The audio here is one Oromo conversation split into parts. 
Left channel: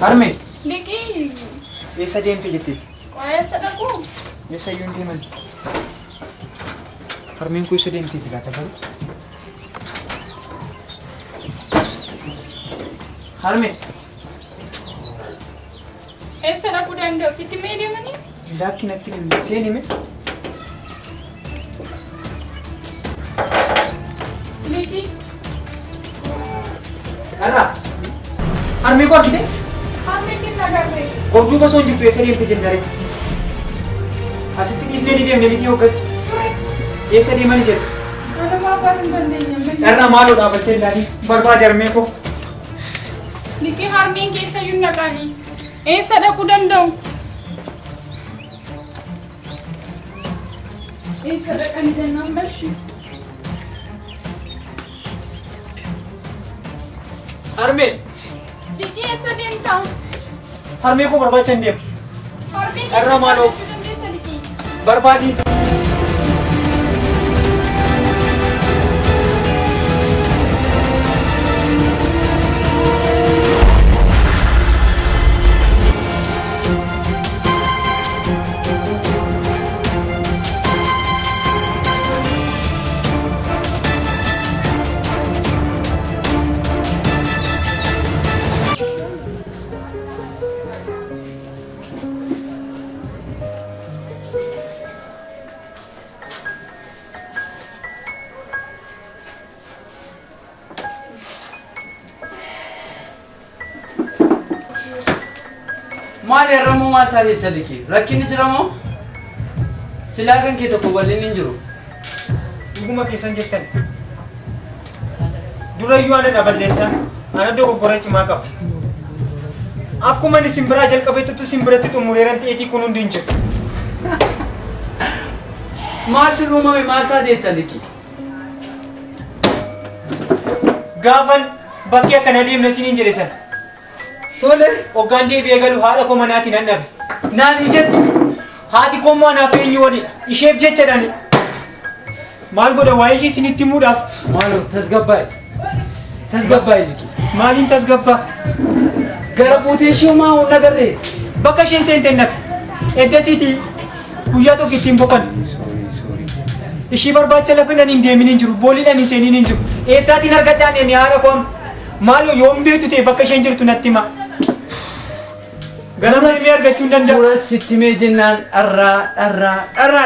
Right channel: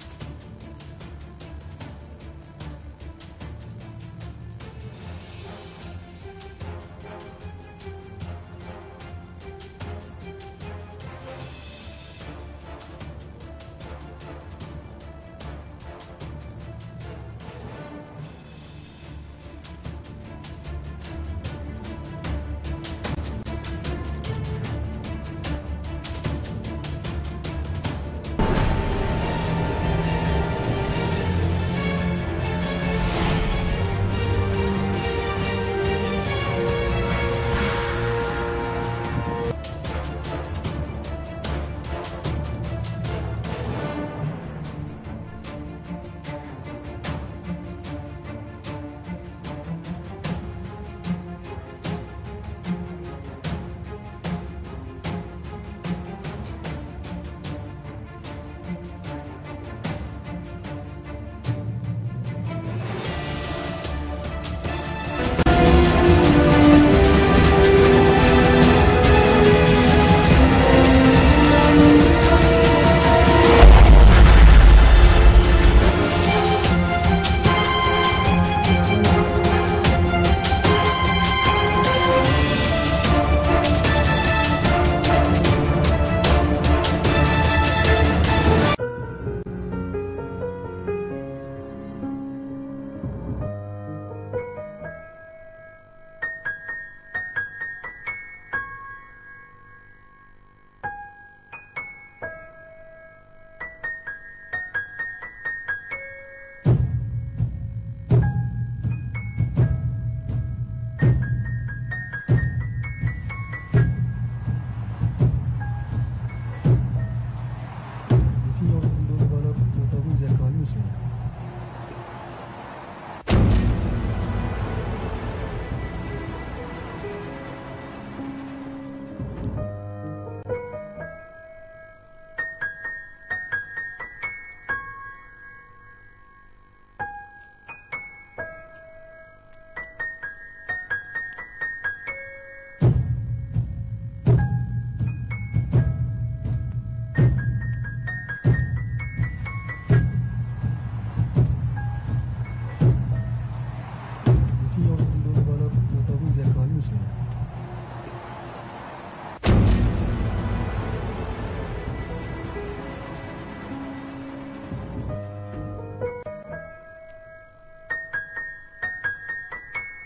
Harme. Lagi. Esa dia yang jadi. Ayah sedang aku. Esa yang dia mana? Harme yang kuisa dia yang jadi kata kan? Harme. Esa aku dah anda. Siti media mana? Laki nak kirim. Sini me. Lagi. Ara. Harme kau kita? Korju ka sonju pesari yang terjadi. Asiti kisne di dia menjadi ogas. Esa di mana je? Karena malu dah baca lagi. Berbajar meko. Liki harming kesa yun na kali. Esa dah kudan daw. Esa dah kanida number shi. Harme. Liki esa din tau. Harme ko berbaca dia. Karena malu. Berbadi. Maali Ramoo maal taatee taliki rakkinni jiramoo silaa kan kee tokko bal'inni hin jiru. Dhuguma keessan jettan. Durayyuu ana dhaballeessa ana dogoggora cimaa qabu. Akkuma inni simbiraa jalqabeettutu simbiratti xumureeran ta'eetii kun hundi hin jiru. Maaltu uumame maal taatee taliki? Gaafan bakkee akkana deemna isiniin jedhe sana. Tole. Hoggaan deebi'ee galu haadha koo manaatti nan dhabe. Naani jettu. Haati koo immoo anaaf eenyu wali isheef jechadhani. Maal godha waa'ee ishee isinitti himuudhaaf. Maaloo tasgabbaa'e. Tasgabbaa'e liki. Maaliin tasgabbaa? Gara buutee ishee maa hunda garree? Bakka isheen seenteen dhabe. Eddasiitii guyyaa tokko ittiin boqan. Ishii barbaacha lafin hin deemin hin jiru. Booliidhaan hin seeniin hin jiru. Eessaatiin argadhaan inni haadha koo maaloo yoom beektu ta'e bakka isheen jirtu natti hima. Ganama deemee argachuu hin danda'u. Dura sitti mee jennaan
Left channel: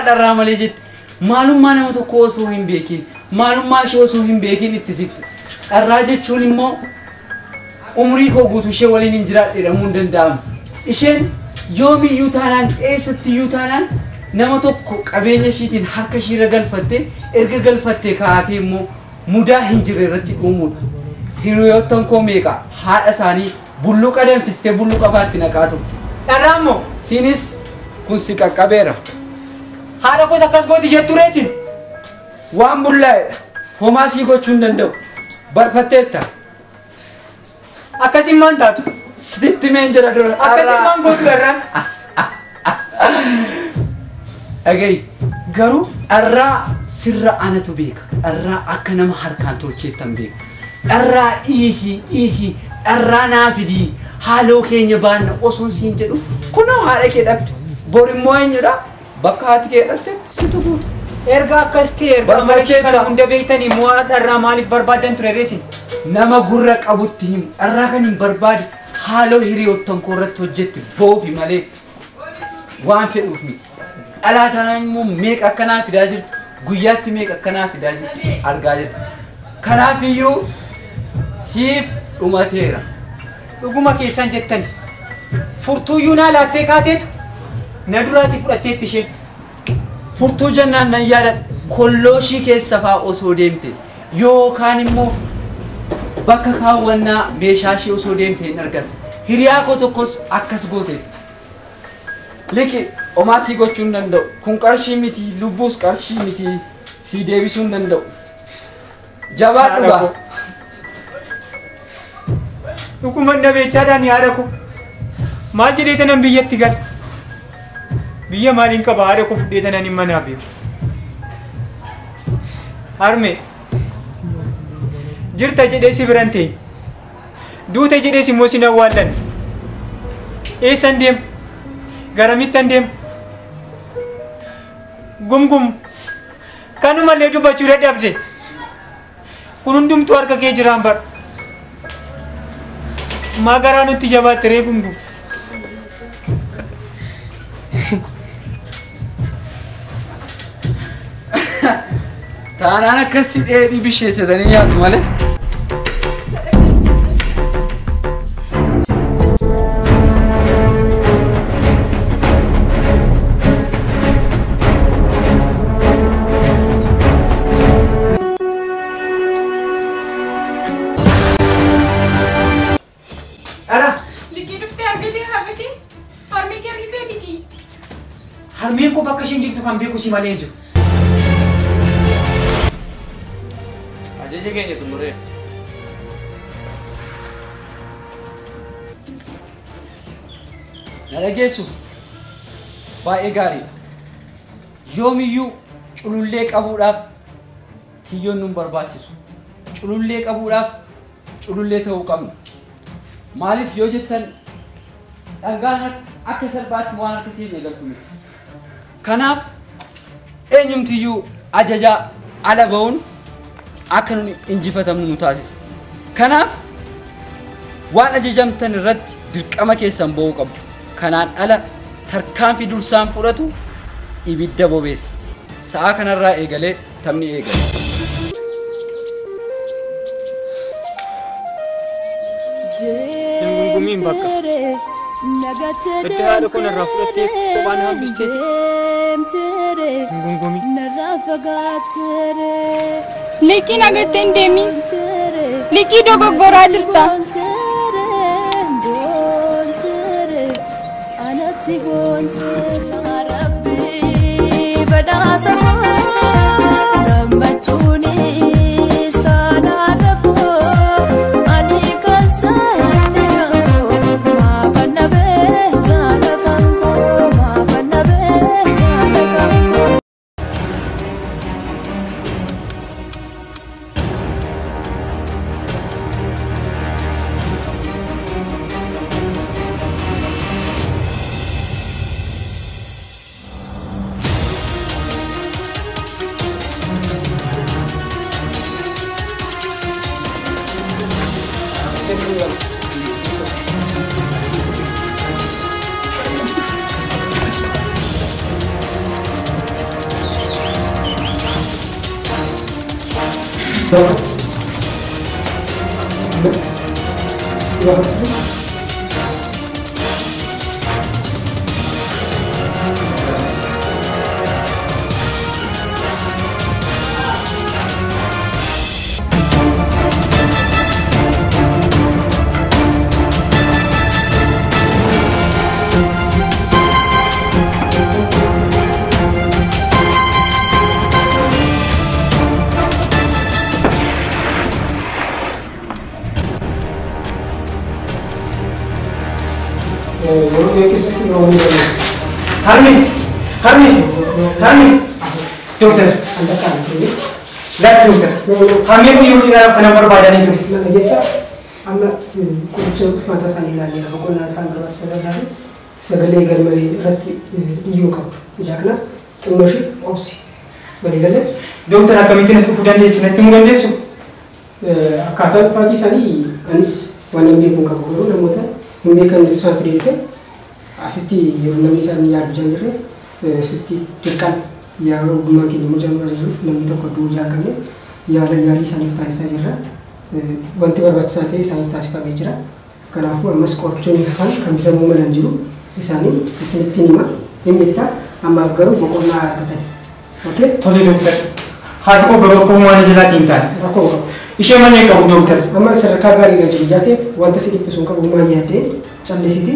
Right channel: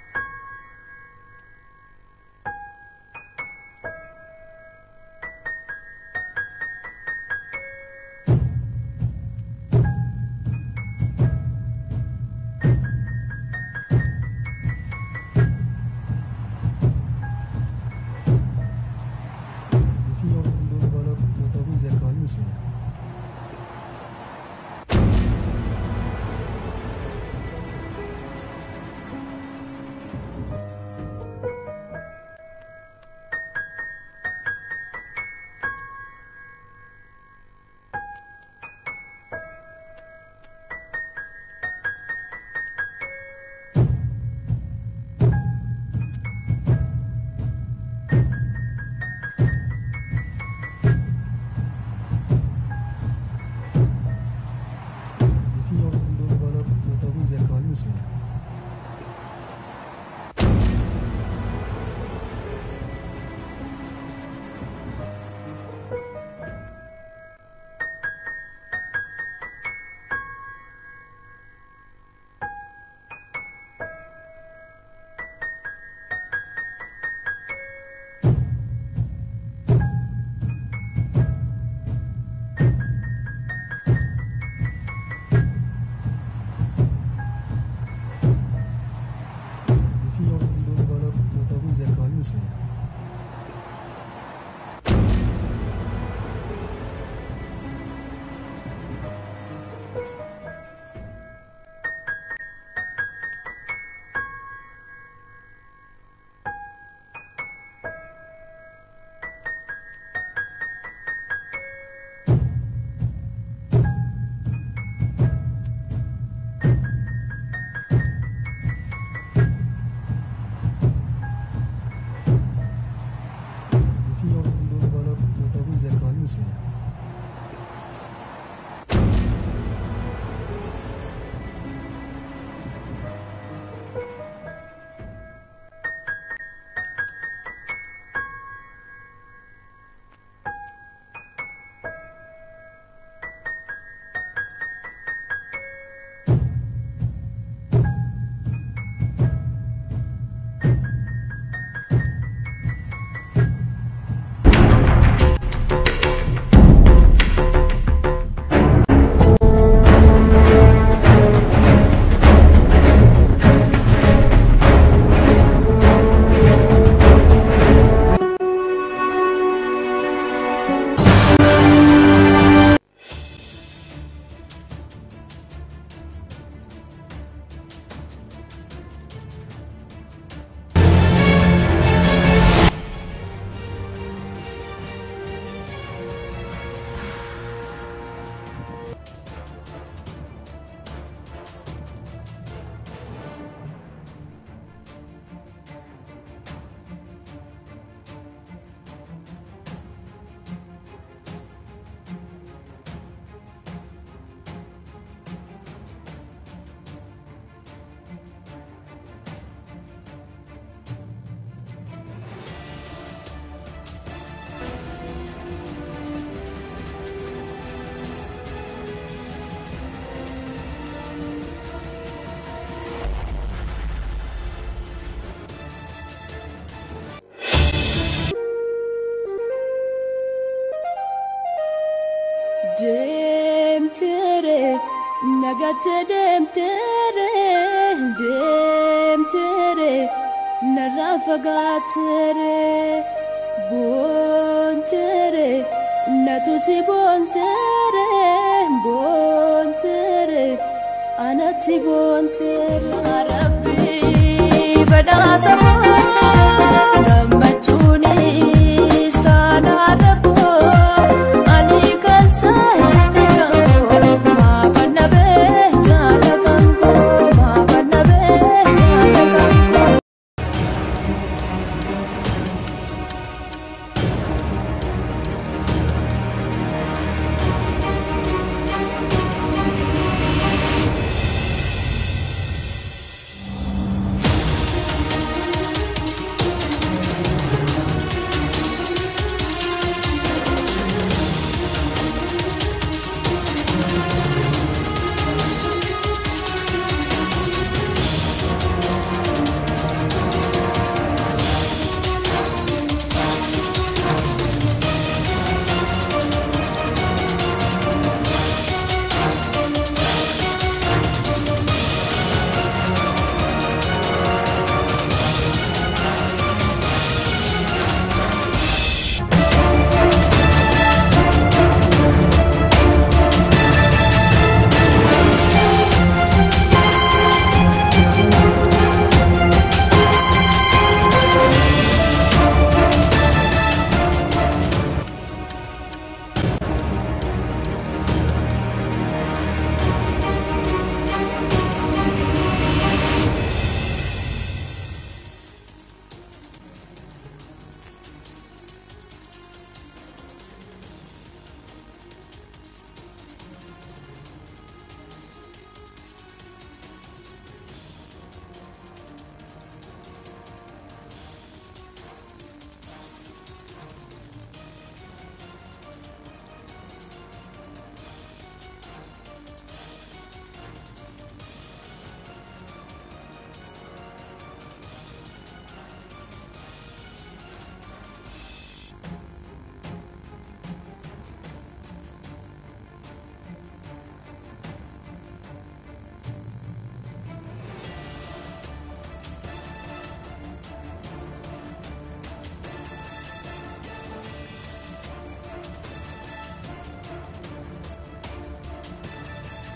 dharraa malee jetti. Maalummaa nama tokko osoo hin beekin, maalummaa ishee osoo hin beekin itti sitti. Dharraa jechuun immoo umrii koo guutuu ishee waliin hin jiraadhe jedhamuu hin danda'amu. Isheen yoomiyyuu taanaan eessattiyyuu taanaan nama tokko qabeenya ishiitiin harka ishiirra galfattee erga galfattee kaatee immoo mudaa hin jirre irratti uumuudha. Hiriyoottan koo meeqa haadha isaanii bulluqa danfistee bulluqa faatti naqaa turte. Dharraa immoo Sinis kun si qaqqabeera. haadha koos akkas gooti jettu reesin. Waan bullaa'edha. Homaa sii gochuu hin danda'u. Barfatteetta. Akkasiin maan taatu? Sitti meen jira dura. Akkasiin maan gootu dharraan? Dhaga'i. Garuu dharraa sirra anatu beeka. Dharraa akka nama harkaan tolcheettan beeka. Dharraa dhiisii dharraa naa fidii haaloo keenya baanna osoon siin jedhu kunoo haadha kee dhabdu. Bor immoo eenyudha? Bakka haati kee dhabde situ guutu. Erga akkas ta'e erga malee kana hunda beektanii moo dharraa maaliif barbaadan ture reesin? Nama gurra qabutti himu dharraa kan hin barbaade haaloo hiriyoottan koo irratti hojjetti boofi malee waan fedhuuf miti. Dhalaa taanaan immoo meeqa akkanaa fidaa jirtu guyyaatti meeqa akkanaa fidaa jirtu argaa jirtu. Kanaafiyyuu siif dhumateera. dhuguma keessan jettan furtuuyyuu naa laattee kaateetu na duraati fudhatteetti isheen. Furtuu jennaan nan yaadadha kollooshii keessa fa'aa osoo deemte yookaan immoo bakka kaawwannaa meeshaa ishee osoo deemte hin argatte. Hiriyaa koo tokkos akkas goote. Liqi homaa sii gochuu hin danda'u. Kun qarshii miti, lubbuus qarshii miti, sii deebisuu hin danda'u. Jabaa dhugaa. Dhuguma dhabeechaadhaan yaada koo maal jedhee tanan biyyatti gal biyya maaliin qaba haadha koo fudhee tanan hin manaa beeku. Harmee jirta jedhee si biran ta'e duuta jedhees immoo si awwaallan eessan deema garamittan deema gumgum kanumallee dubbachuu dadhabde kun hundumtuu harka kee jiraan bara magaraa nutti jabaatte ree gumgum. Taanaan akkasii dheedhii bisheessatanii yaadu malee. Liqii dhuftee argatee harmiti? Harmee kee argitee miti? Harmeen koo bakka isheen jirtu kan beeku si malee hin jiru. Ajaja keenya xumuree. Na dhageessu baay'ee gaarii. Yoomiyyuu culullee qabuudhaaf kiyyoon nun barbaachisu. Culullee qabuudhaaf culullee ta'uu qabna. Maaliif yoo jettan dhangaan akka salphaatti waan harka keenya galtu miti. Kanaaf eenyumtiyyuu ajajaa ala ba'uun akka nun injifatamnu nu taasisa. Kanaaf waan ajajamtan irratti dirqama keessan ba'uu qabu. Kanaan ala tarkaanfii dursaan fudhatu ibidda bobeessa. Sa'a kanarraa eegalee taphni eegala. Deemtere nagatte deemtere narraa fagaattere. Liqii nagatte hin deemin. Liqii dogoggoraa jirta. Boontere anatti boontere. Rabbi badhaasa koo gammachuunis taanaadha koo ani kan saayidhe koo maafanna beekana kan koo maafanna beekana kan koo. Dokter, lihat dokter. Hamil punya udah kenapa berbadan itu? Nah, biasa, amma kucing mata sani lagi. Aku nak sanggup sebenarnya segala galmari rati iu kau. Jangan tunggusi opsi. Bagaimana? Dokter akan minta nasi kufudan desi, nanti mungkin desu. Kata Fatih sani anis wanam dia pun kau guru namun ini kan susah berikan. Asiti yurunami sani yar janjre, asiti tekan. Ya gumma ke mujammal zuf namni tokko duu jaakanne yaala yaalii saniif taasisaa jirra. Wanti barbaachisaa ta'e isaaniif taasifamee jira. Kanaafuu ammas qorichoonni hafan kan bitamuu malan jiru isaanii isinitti hima hin bittaa ammaaf garuu boqonnaa argatan. Okey? Tole doktor. Haati koo garuu akkuma waan jalaatiin taane. Rakkoo qabu. Ishee malee qabu doktor. Amma sadarkaa gaarii irra jiru jaateef wanta si dhiphisu hin qabu maal yaaddee callisiti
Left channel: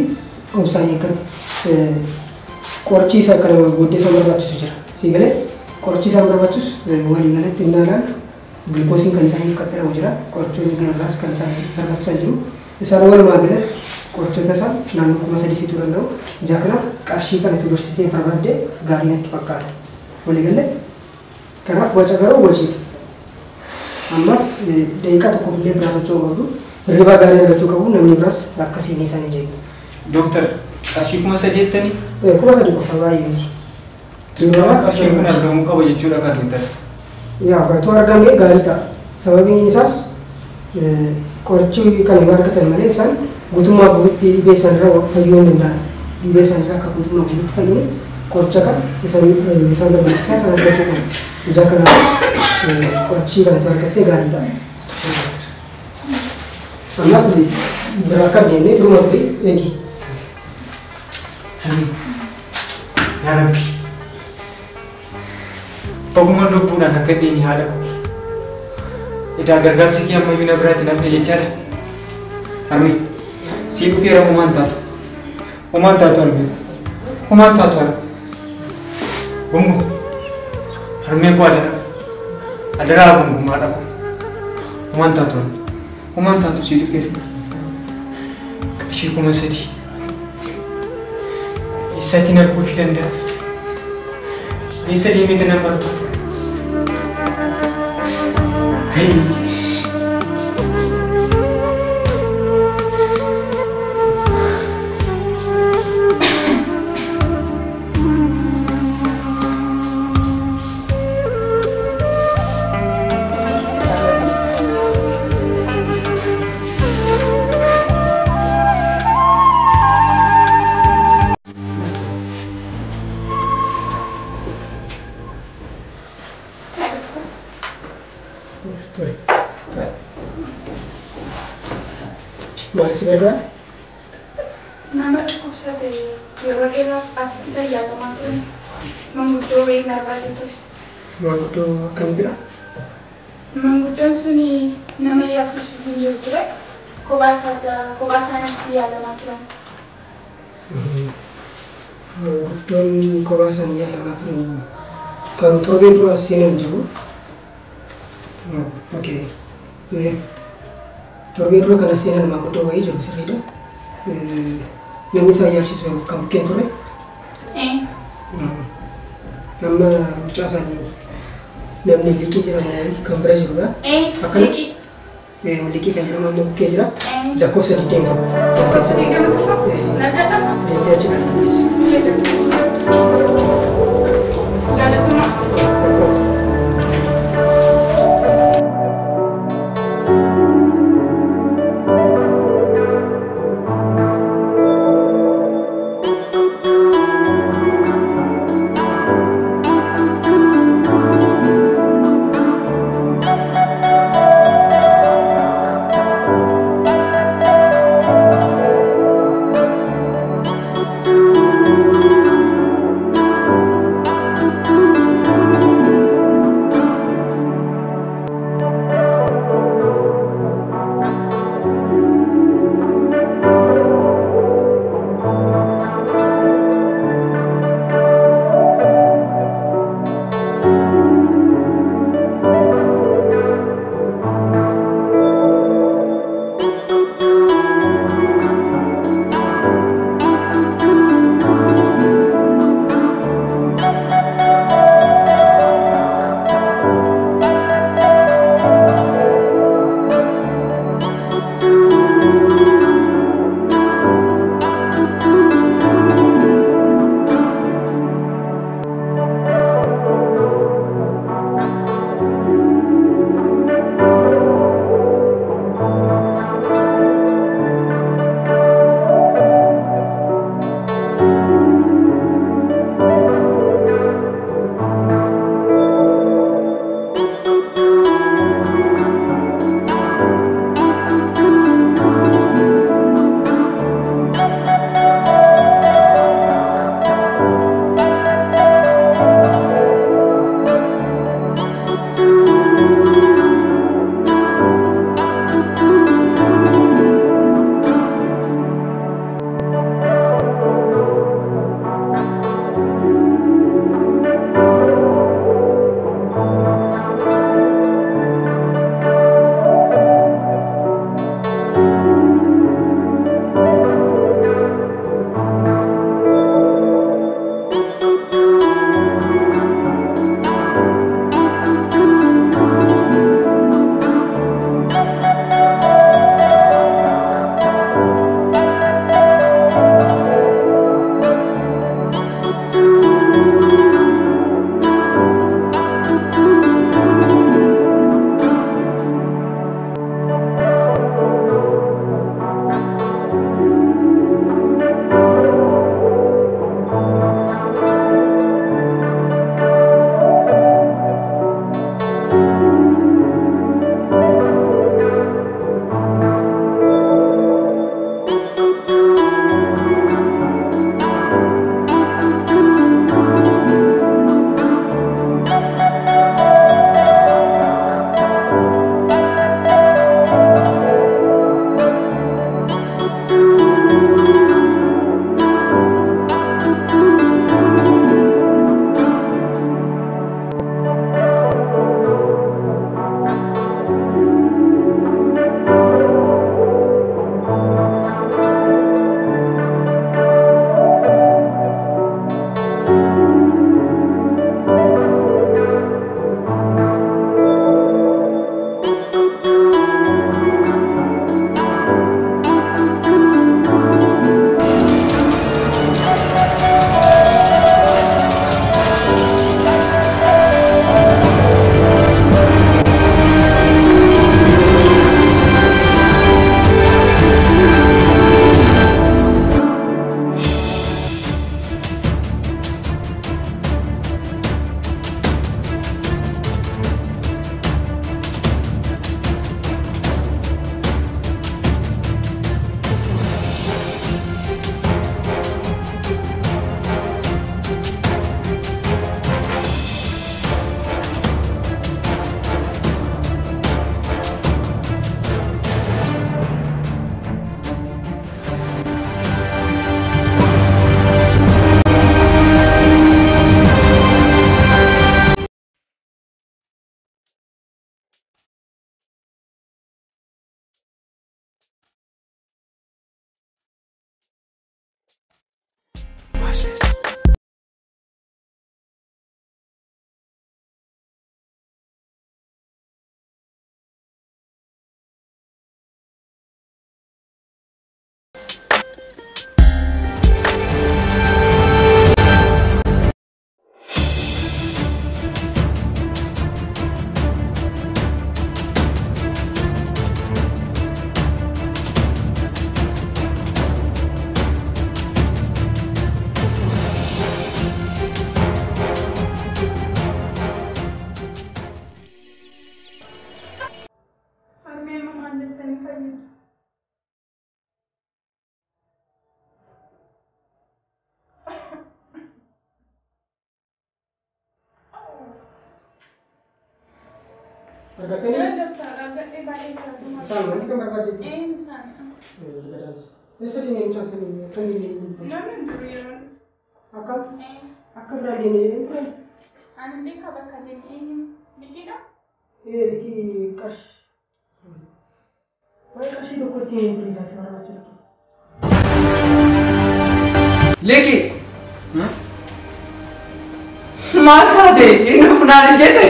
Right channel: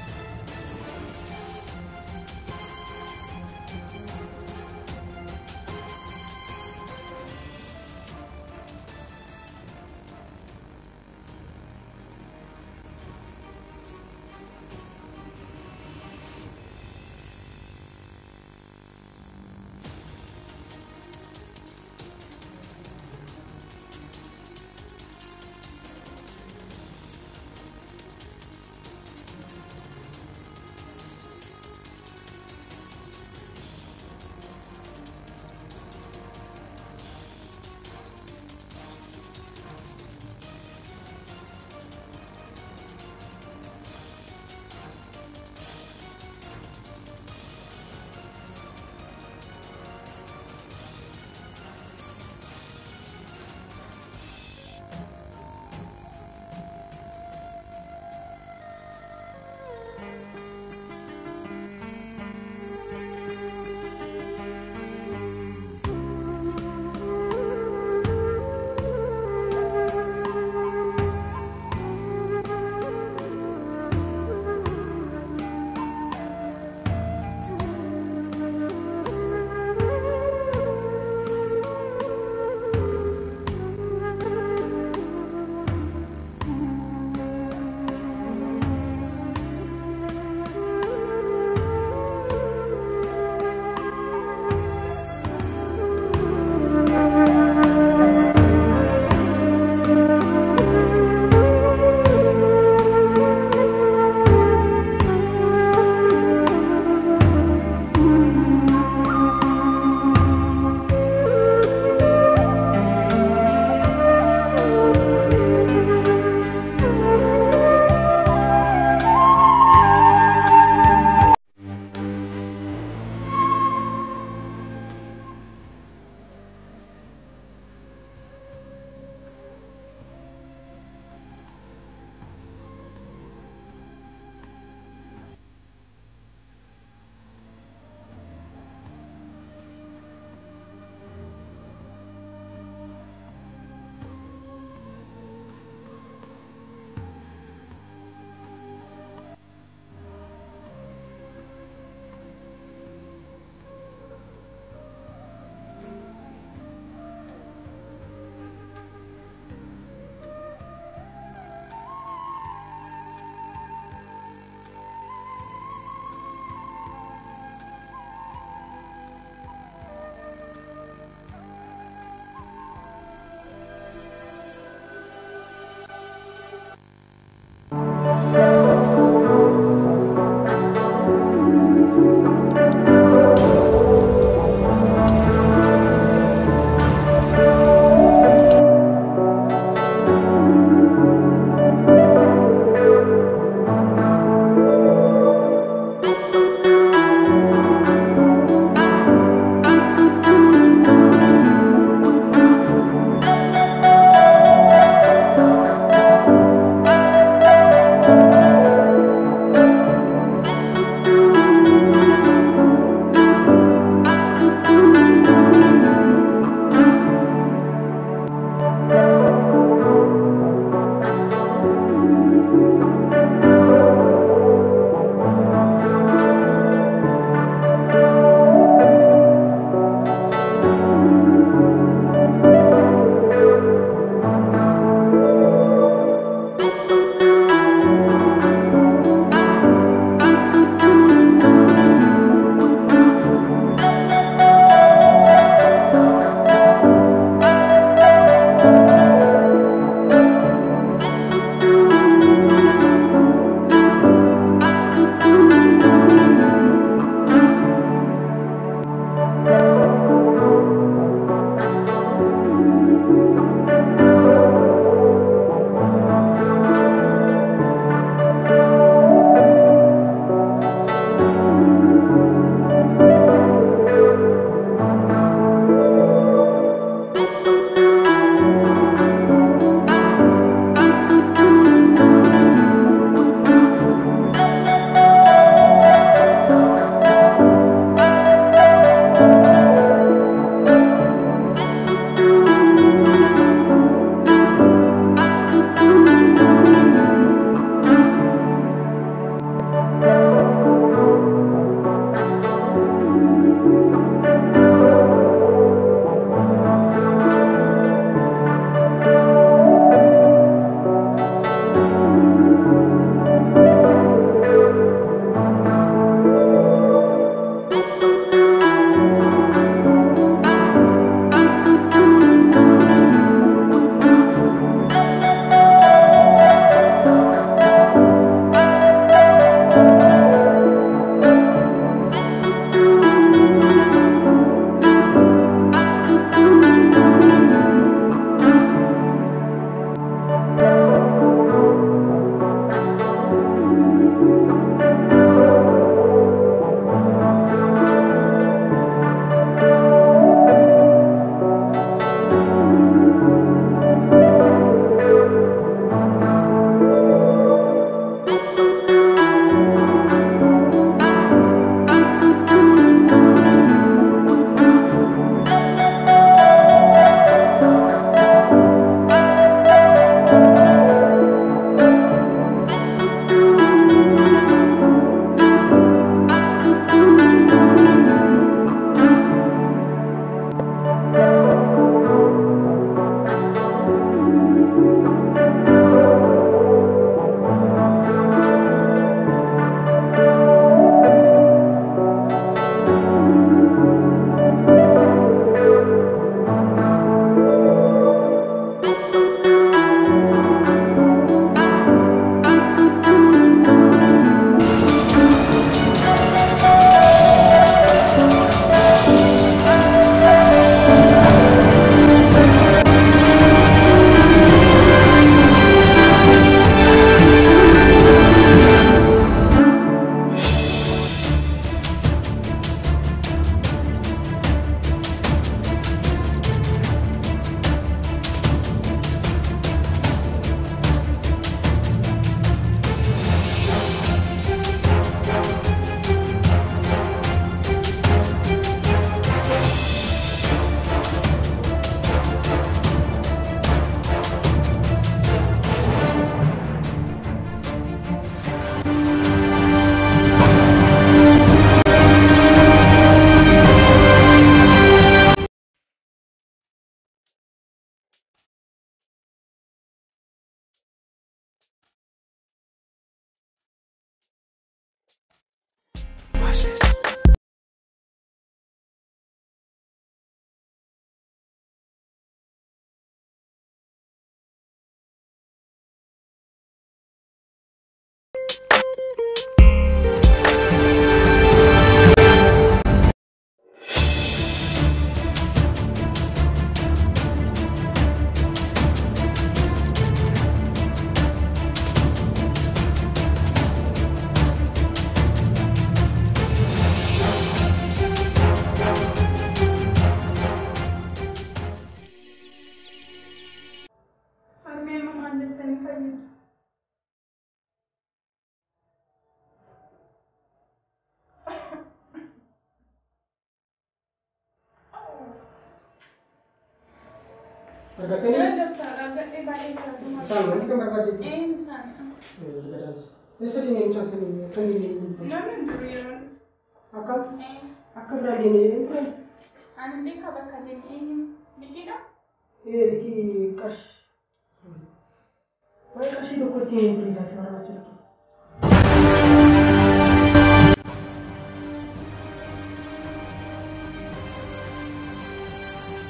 obsaan eeggatu. Qorichi isaa kana booddee isaan barbaachisu jira. Si galee qorichi isaan barbaachisu walii galatti hin ilaalan gilkoosiin kan isaaniif qaxxaramu jira. Qorichoonni garagaras kan isaan barbaachisan jiru. Isaan walumaa galatti qorichoota isaa naannoo 3,000 fituu danda'u. Ijaa kanaaf qarshii kanatti dursitee barbaaddee gaarii natti fakkaata. Walii galee kanaaf waca garuu waciidha. Amma daqiiqaa tokkoof illee biraa socho'uu qabdu. Hirribaa gaarii argachuu qabu namni biraas akkasiin isaanii jeetu. Doktor, qarshii 3,000 3,000 qofa baay'ee miti. qarshii kun argamuu qaba jechuudha kan doktor. Yaa baay'atu argamee gaarii ta'a. Sababiin isaas qorichi kan yoo argatan malee isaan guutummaa guutuutti dhibee isaanirra fayyuu hin danda'an. Dhibee isaanirra akka guutummaa guutuutti fayyuun qoricha kan isaan barbaachisaa isaan argachuu qabu. Ija kanaaf qorichi kanatti argattee gaarii ta'a. Kanaaf biraa akka deemnee firuma ture eegi. Yaa Rabbi. Ogummaa lubbuudhaan akka deeni haadha koo. Edaa gargaarsi kee amma bina biraatti nafne jechaadha. Harmi sii dhufeera uumaan taatu. Uumaan taatu harmi. Uumaan taatu harmi. Gungu. Harmee koo adara. Adaraa gungumaa dhabu. Uumaan taatu harmi. Uumaan taatu sii dhufeera. Qarshii 3,000. Isaatiin arguu fi danda'a. Eessa deemee nama argu? Maal si gargaara? Nama dhukkubsate yeroo dheeraaf asitti fayyadamaa ture. Manguddoo wayii barbaadee ture. Manguddoo akkamiidha? Manguddoon suni nama yaabsisuuf hin jiru ture. Kophaa isaaniitti yaalamaa turan. Manguddoon kophaa isaanii yaalamaa turan. Kan torbee dura as seenan jiru. Okey. Torbee dura kan as seenan manguddoo wayii jiru sirriidha. Namni isaan yaalchisu kan bukkeen ture. Nama mucaa isaanii namni liqii jedhamu kan bira jirudha. Liqii. Liqii kan jedhamu amma bukkee jira. Lakkoofsa 20 qaba. Lakkoofsa 20 Deemtee jira. Galatuma. Harmee mamaan jettanii fayyadu. Argatanii? Yoo dabtara argadhee baay'ee galatuma. Isaan wanti kan barbaadeetu? Isaanii. Gadaansa. Eessa deemee mucaan sanii kan deemee? Namni hin jiru yeroo. Akkam? Akka biraa deemee jedhee ture? Ani beeka bakka deemee eenyu? Liqiidha? Liqii qarshii. Waa'ee qarshii tokko ittiin bitaa si barbaachisa. Leki. Maal taate inni funaan hin jette?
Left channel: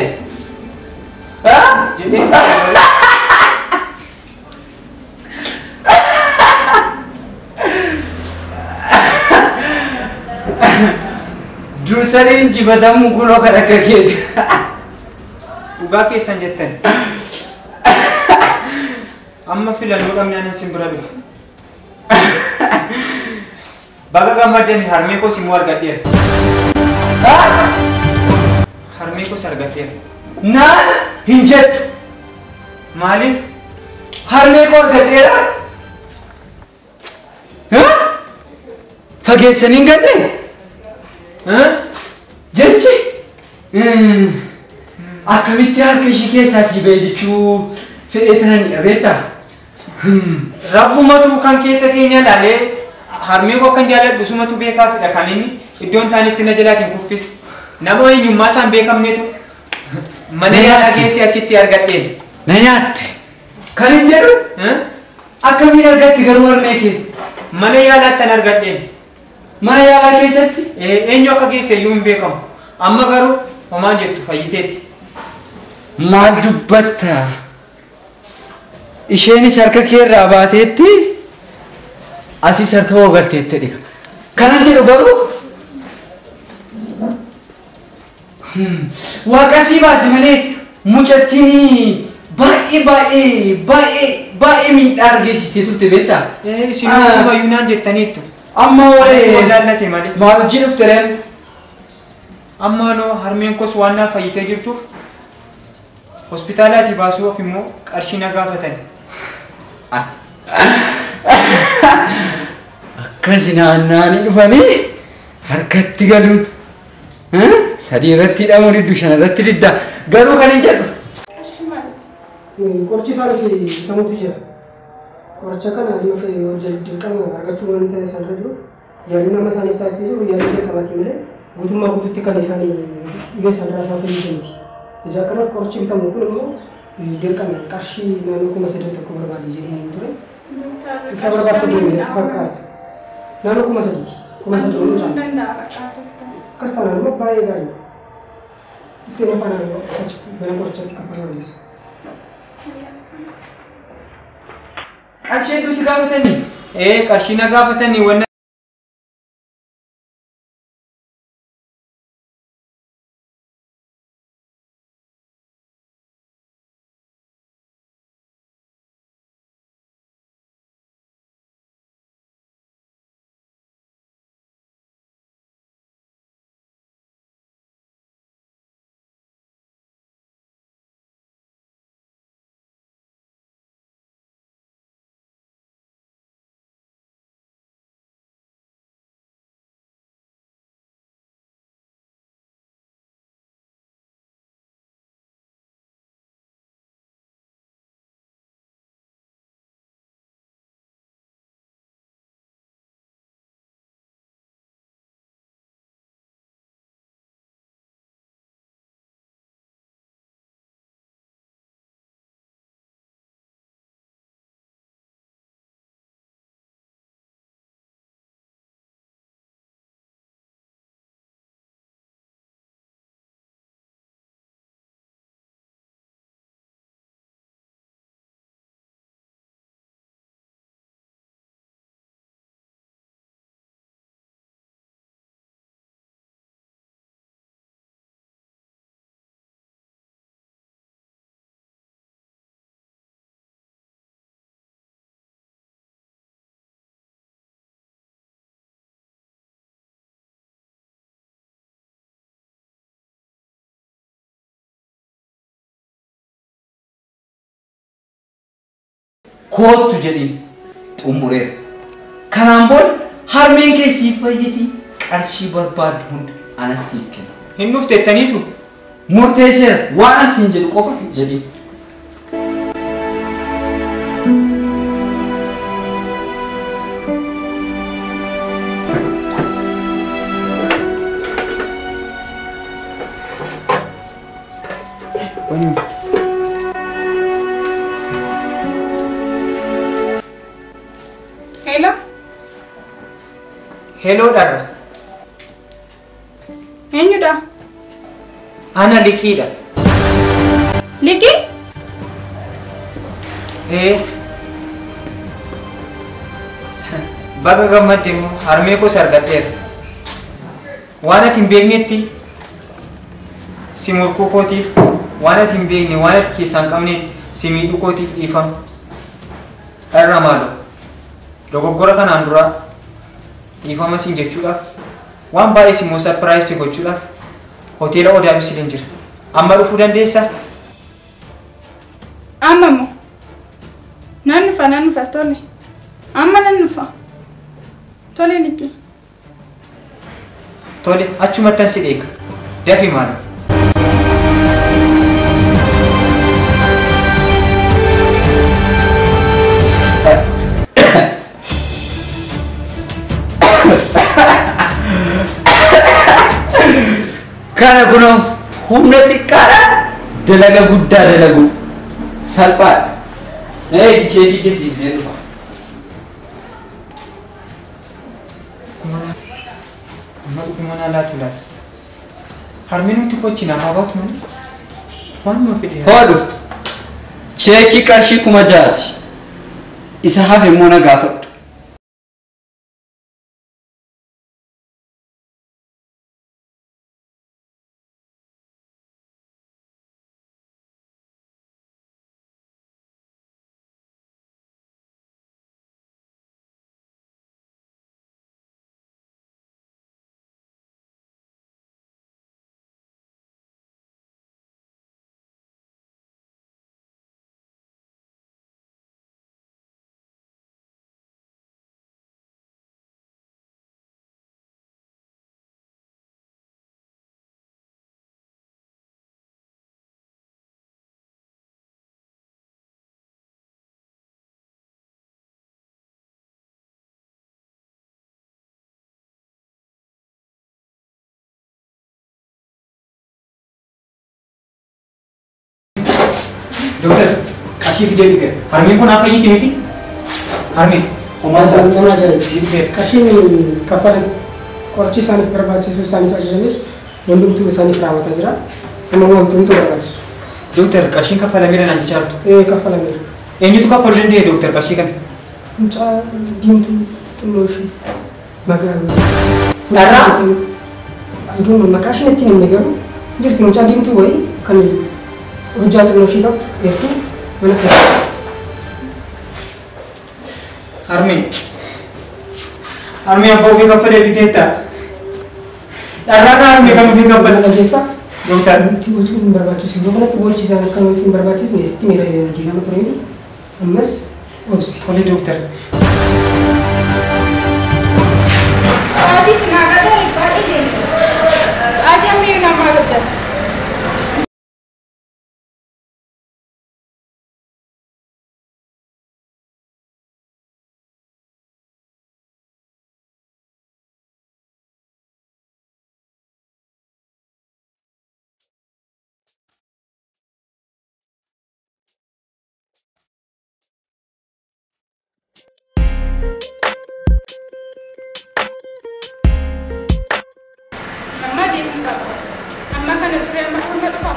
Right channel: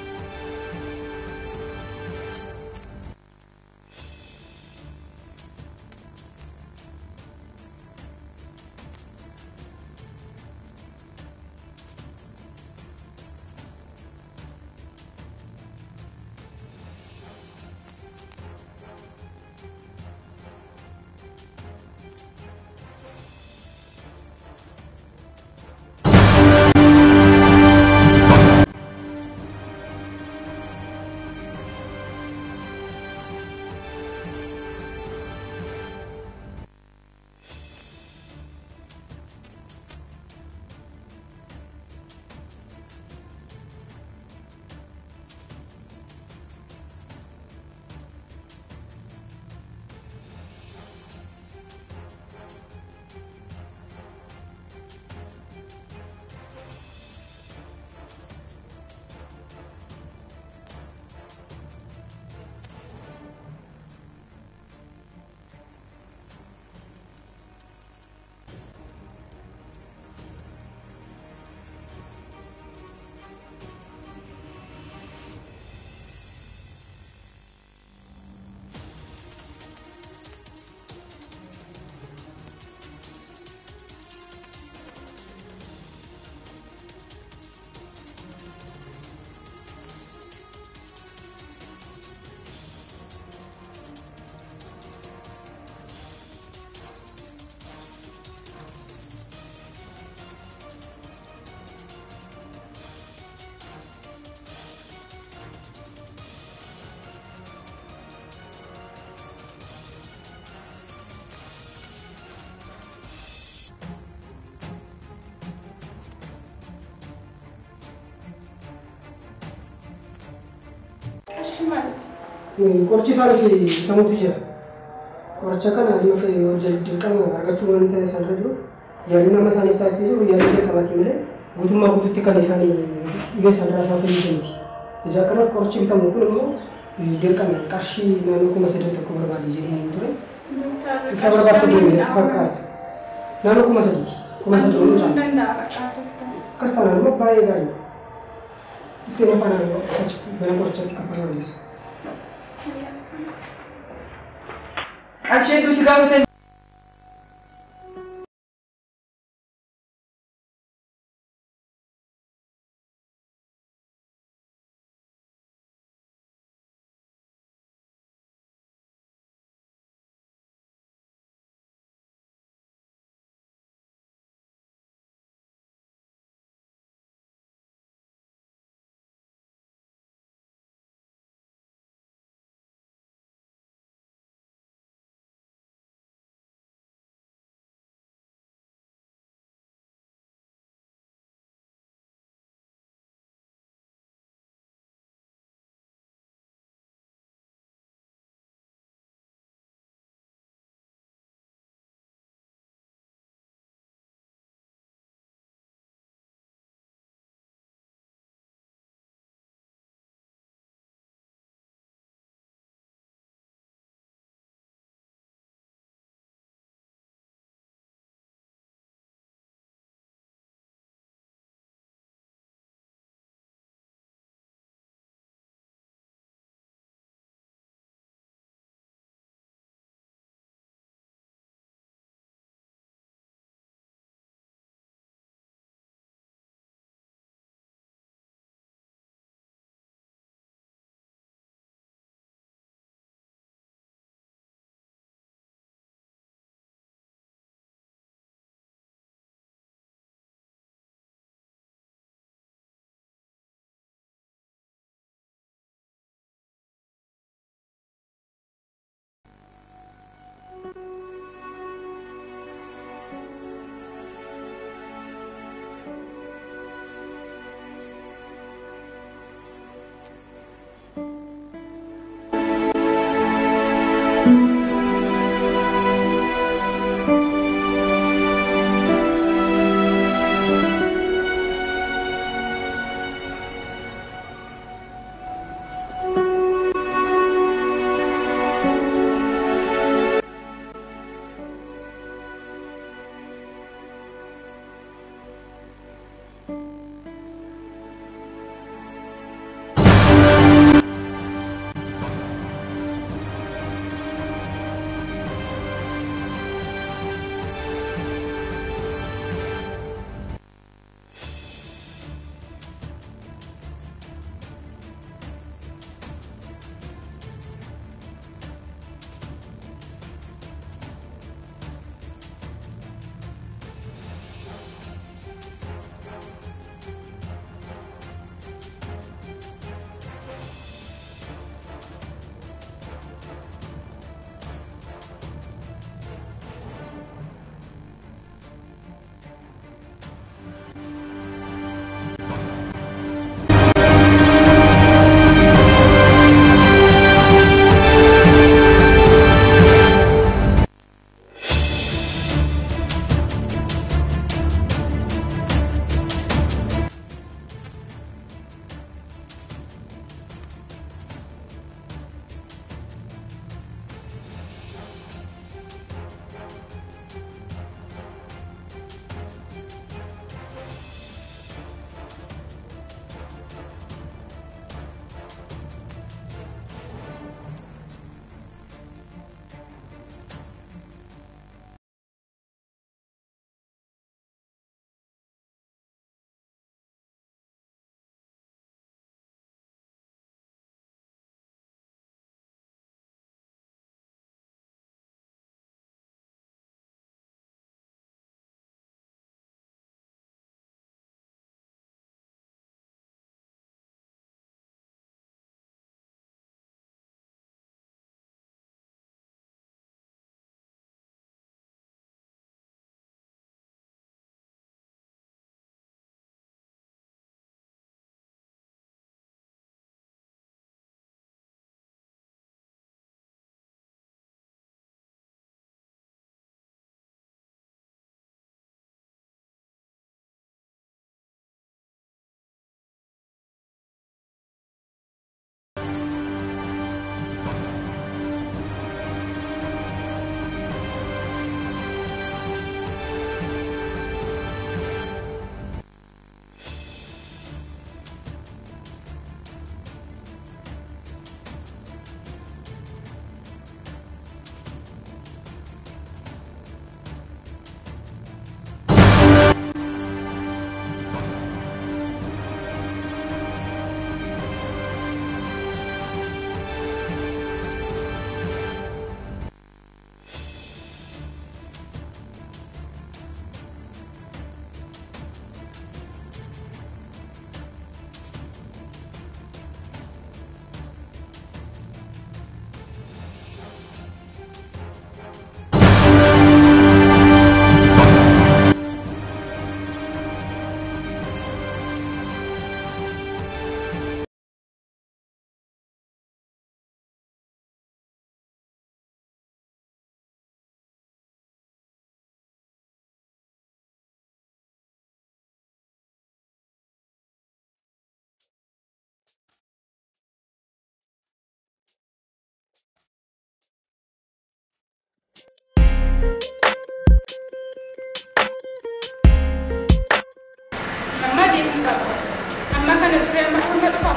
Dursanii injifatamu kunoo kan akka keeti. Dhugaa keessan jettan. Amma filannoo dhabnaan sin bira dhufa. Baga gammaddanii harmee koo simuu argadheera. Harmee koos argadheera. Naan hin jettu. Maaliif? Harmee koo argadheera. Fageessanii hin galle? Jechi akkamitti harka ishii keessaa sii ba'e jechuu fedhee tananii abeetta. Rabbumatu kan keessa keenya ilaalee harmee koo kan jaalladhu sumatu beekaafidha kan inni iddoon taanitti na jalaatiin kuffise. Nama eenyummaa isaan beekamnetu mana yaalaa geessee achitti argadheen. Na nyaatte. Kan hin jedhu akkamiin argatte garuu harmee kee? Mana yaalaatti an argadheen. Mana yaalaa keessatti? Eenyu akka geesse iyyuu hin beekamu. Amma garuu homaa jettu fayyiteetti. Maal dubbatta? Isheenis harka kee irraa baateetti atis harka koo galteette dhiga. Kanan jedhu garuu waaqa sii baase malee mucattiin baay'ee miidhaa argeessistee turte beektaa? Isin uumayyuu naan jettaniittu. Amma waree Laallate malee. maal hojii dhufte reen? Amma noo harmeen koos waan naaf fayyitee jirtuuf hospitaalaatii baasuuf immoo qarshii na gaafatan. Akkasi naannaanii dhufanii harkatti galuun sadii irratti hidhamuun hedduu shan irratti didda garuu kan hin jedhu. Qarshii maaliti? Qorichi isaaniif bitamutu jira. Qoricha kana yoo ta'e dirqama argachuu waan ta'e isaan irra jiru yaalii nama isaaniif taasisu yaalii jalqabaati malee guutummaa guutuutti kan isaanii dhibee sanarraa isaan fayyadamti. Ijaa kanaaf qorichi bitamu kun immoo dirqama qarshii naannoo 3,000 tokko barbaade jedhanii ture. Isa barbaachisa deemee itti fakkaata. Naannoo 3,000 3,000 caalu. Danda'a bakka tokko. Akkas taanaan immoo baay'ee gaariidha. Dhuftee afaan mana qorichaatti kaffaluu dandeessa. Qarshii hedduu si gaafatanii? Qarshii na gaafatanii wanna kootu jedhin xumureera. Kanaan booda harmeen kee siif fayyiti qarshii barbaadu hunda ana siif kenna. Hin dhufteettaniitu. Murteesseera waan asiin jedhu qofa jedhin. Hello? Hello dharra. Eenyudha? Ana liqiidha. Liqii? Baga gammadde immoo harmee koo sargadheera. Waan ati hin beeknetti si morkuu kootiif waan ati hin beekne waan ati keessaa hin qabne si miidhuu kootiif dhiifama. Dharra maaloo dogoggora kanaan dura dhiifama siin jechuudhaaf waan baay'ee si immoo sarpiraayis si gochuudhaaf hoteela Odaa Misiliin jira. Amma dhufuu dandeessaa? Amma moo? Nan dhufa tole. Amma nan dhufa. Tole liqii. Tole achumattan si eega. Dafi maala. Kana kunoo humna xiqqaadha dalaga guddaa dalagu salphaadha. Cheekii keessiif mee dhufa. Mana laatu laata. Harmeen nuti kochina haa baatu malee. Waan nu fide. Hodhu cheekii qarshii 6,000 isa hafe immoo na gaafadhu. Dokter, kasih video ni kan. Harmeen kun apa ini miti? Harmeen. Omata mana jadi? Sini. Kasih kapal korci sanif berbacaan sanif aja jenis. Untuk tu sanif rawat aja. Emang untuk berbacaan. Dokter, kasih kapal amira nanti cari tu. Kapal amira. Ini tu kapal dia dokter kasih kan. Unca dintu emosi. Baga. Darah. Aduh, makasih nanti ni negara. Jadi unca dintu boy kan. Hujat emosi dok. Itu mana? Harmeen. Harmeen apa ubi kapal dia kita? Darah harmeen kamu ubi kapal. Desa. Dokter. Itu cuma berbacaan sih. Bukan itu boleh cisar kalau sim berbacaan sih. Siti mira ini lagi nama terus ini. Emas. Ops. Oleh dokter. Saadi tenaga dari Pak ini. Saadi yang mirip nama Rojat. Mama dia minta. Amma kan sudah makan apa?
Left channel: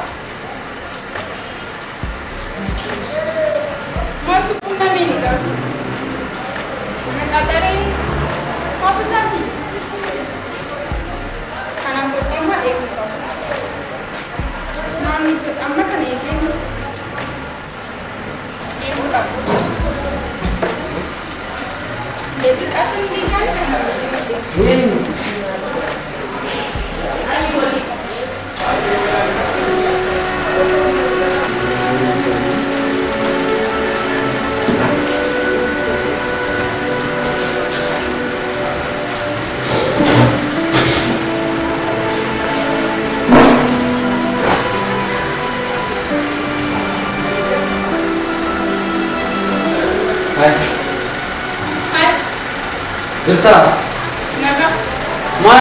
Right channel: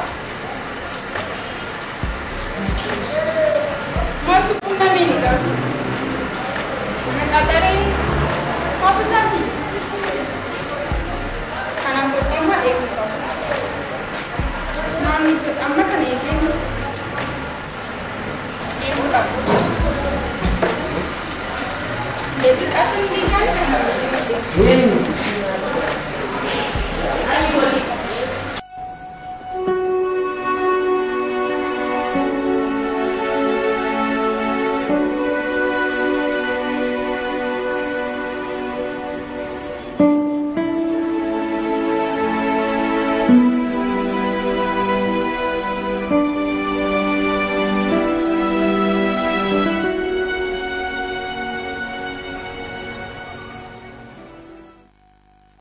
Mau tu pun tak mini kan? Mereka dari apa sahaja? Karena bertemu dia minta. Mami tu amma kan ini. Dia minta. Jadi asal ni kan? Jirta. Naga. Maal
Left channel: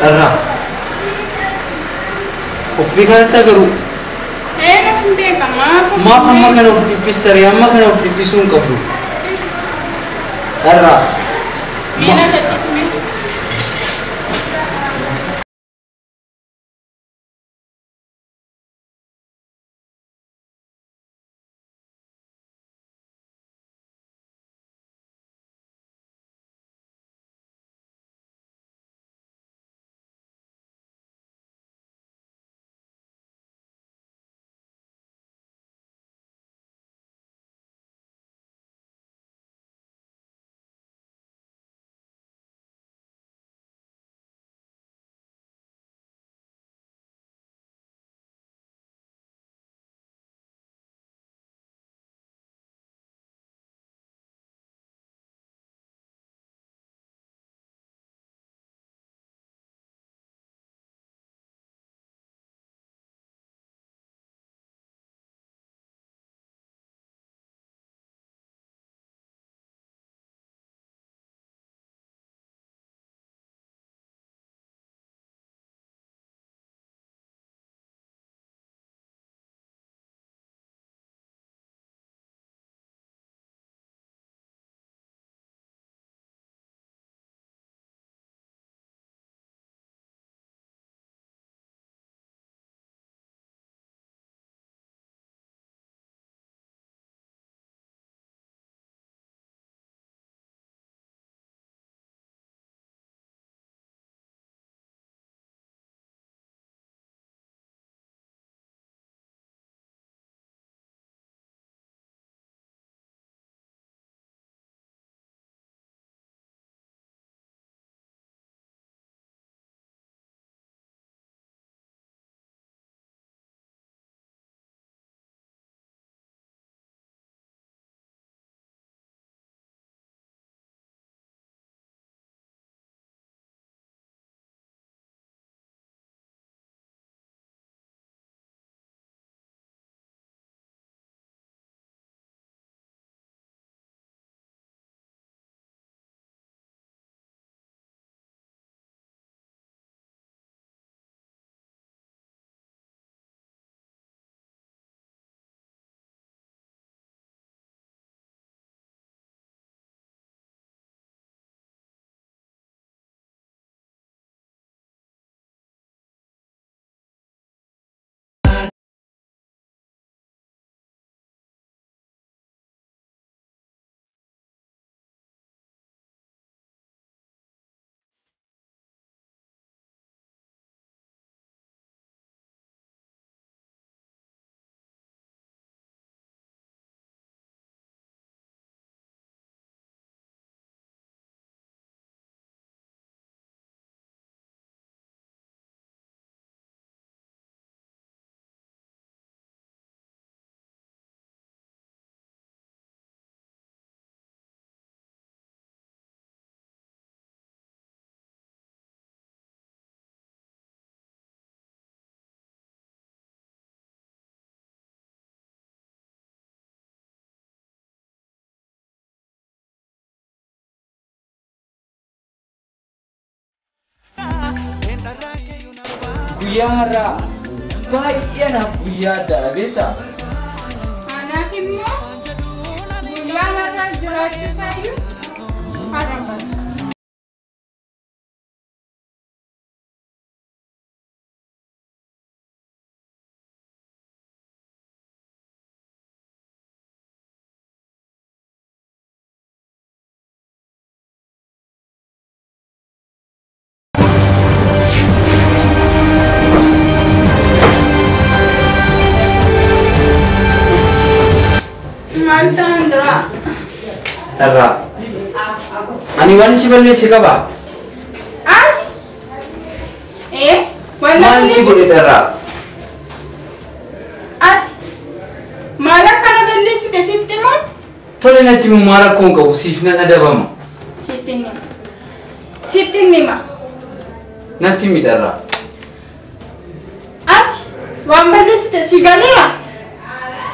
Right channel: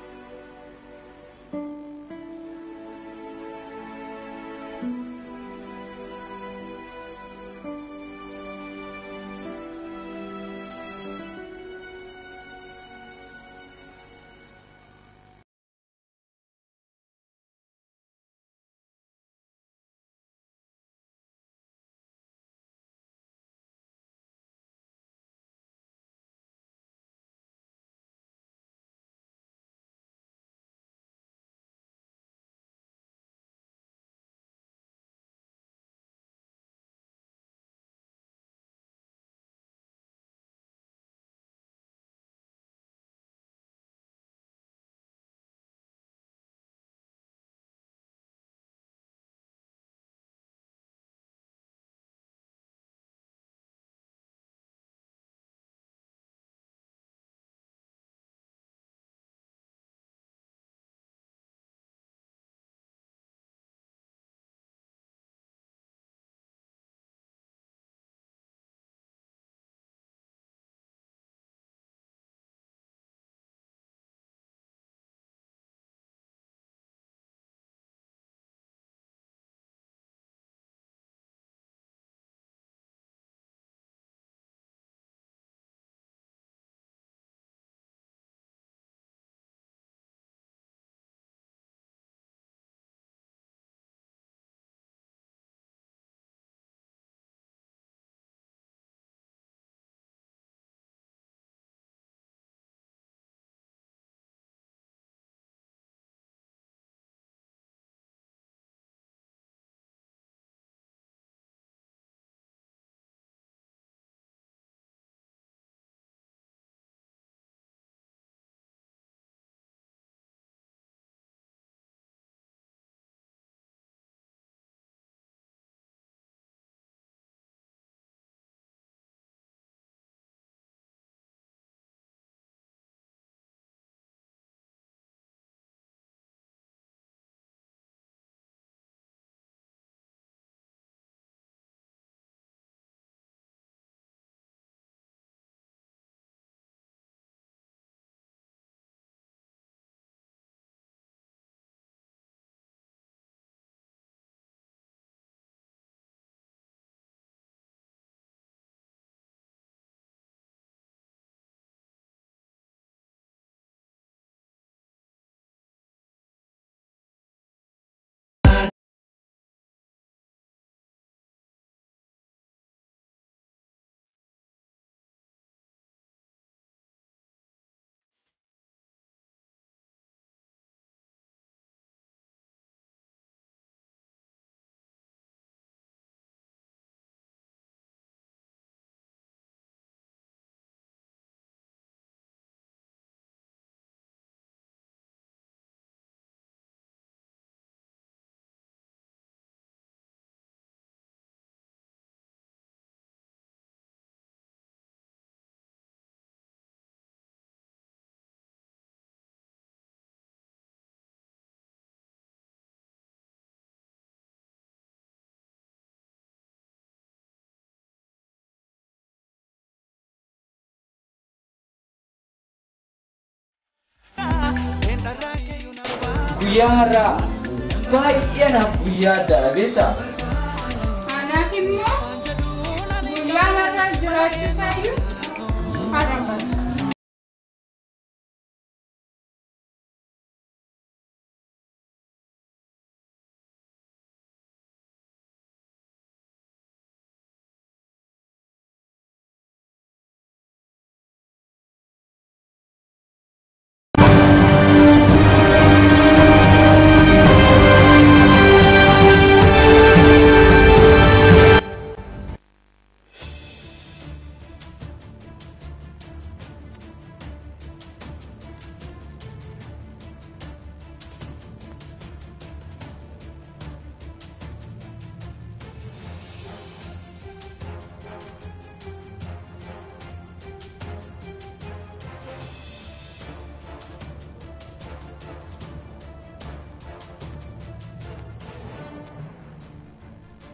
Irraa Of biqiltaa garuu Nafin beeka maaf. maaf amma kana of dhiphistare amma kana of dhiphisuu hin qabdu. Irraa Mina dadhisme. guyyaa har'aa baay'ee naaf guyyaa addaadha beektaa? Anaaf immoo guyyaa har'aa jiraachuu isaayyuu har'a bara. Irraa ani waan si balleesse qaba. Ati? Maal si godhe irraa? Ati? Maal akkana balleessite sitti moo? Tole natti maal rakkoon qabu siif nan adabama. Sitti nima. Sitti nima. Natti midharraa. Ati? Waan balleessite si galeera?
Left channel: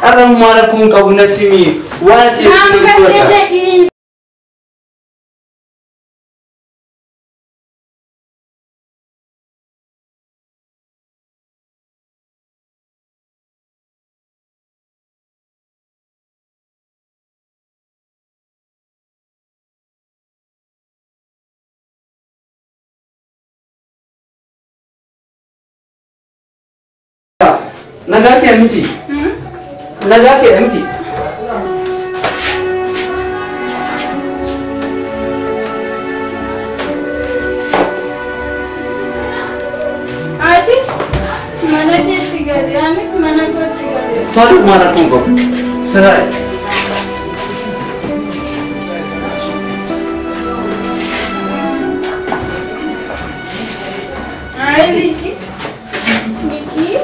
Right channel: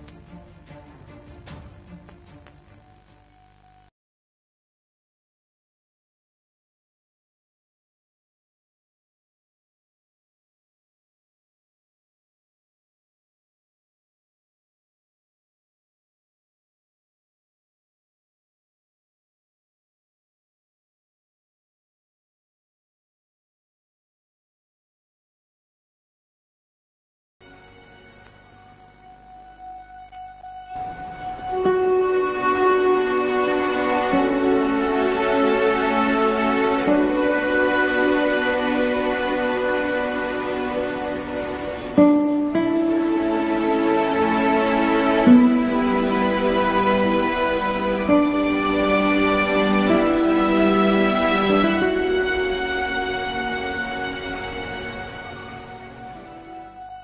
Arra maal rakkoon qabu natti mi waan ati Naan gattee jedhii. Nagati amiti. Nagati amiti. Atis mana ketti gadi, anis mana ketti gadi. Tolu mana tunggu. Serai. Ay, Vicky. Vicky.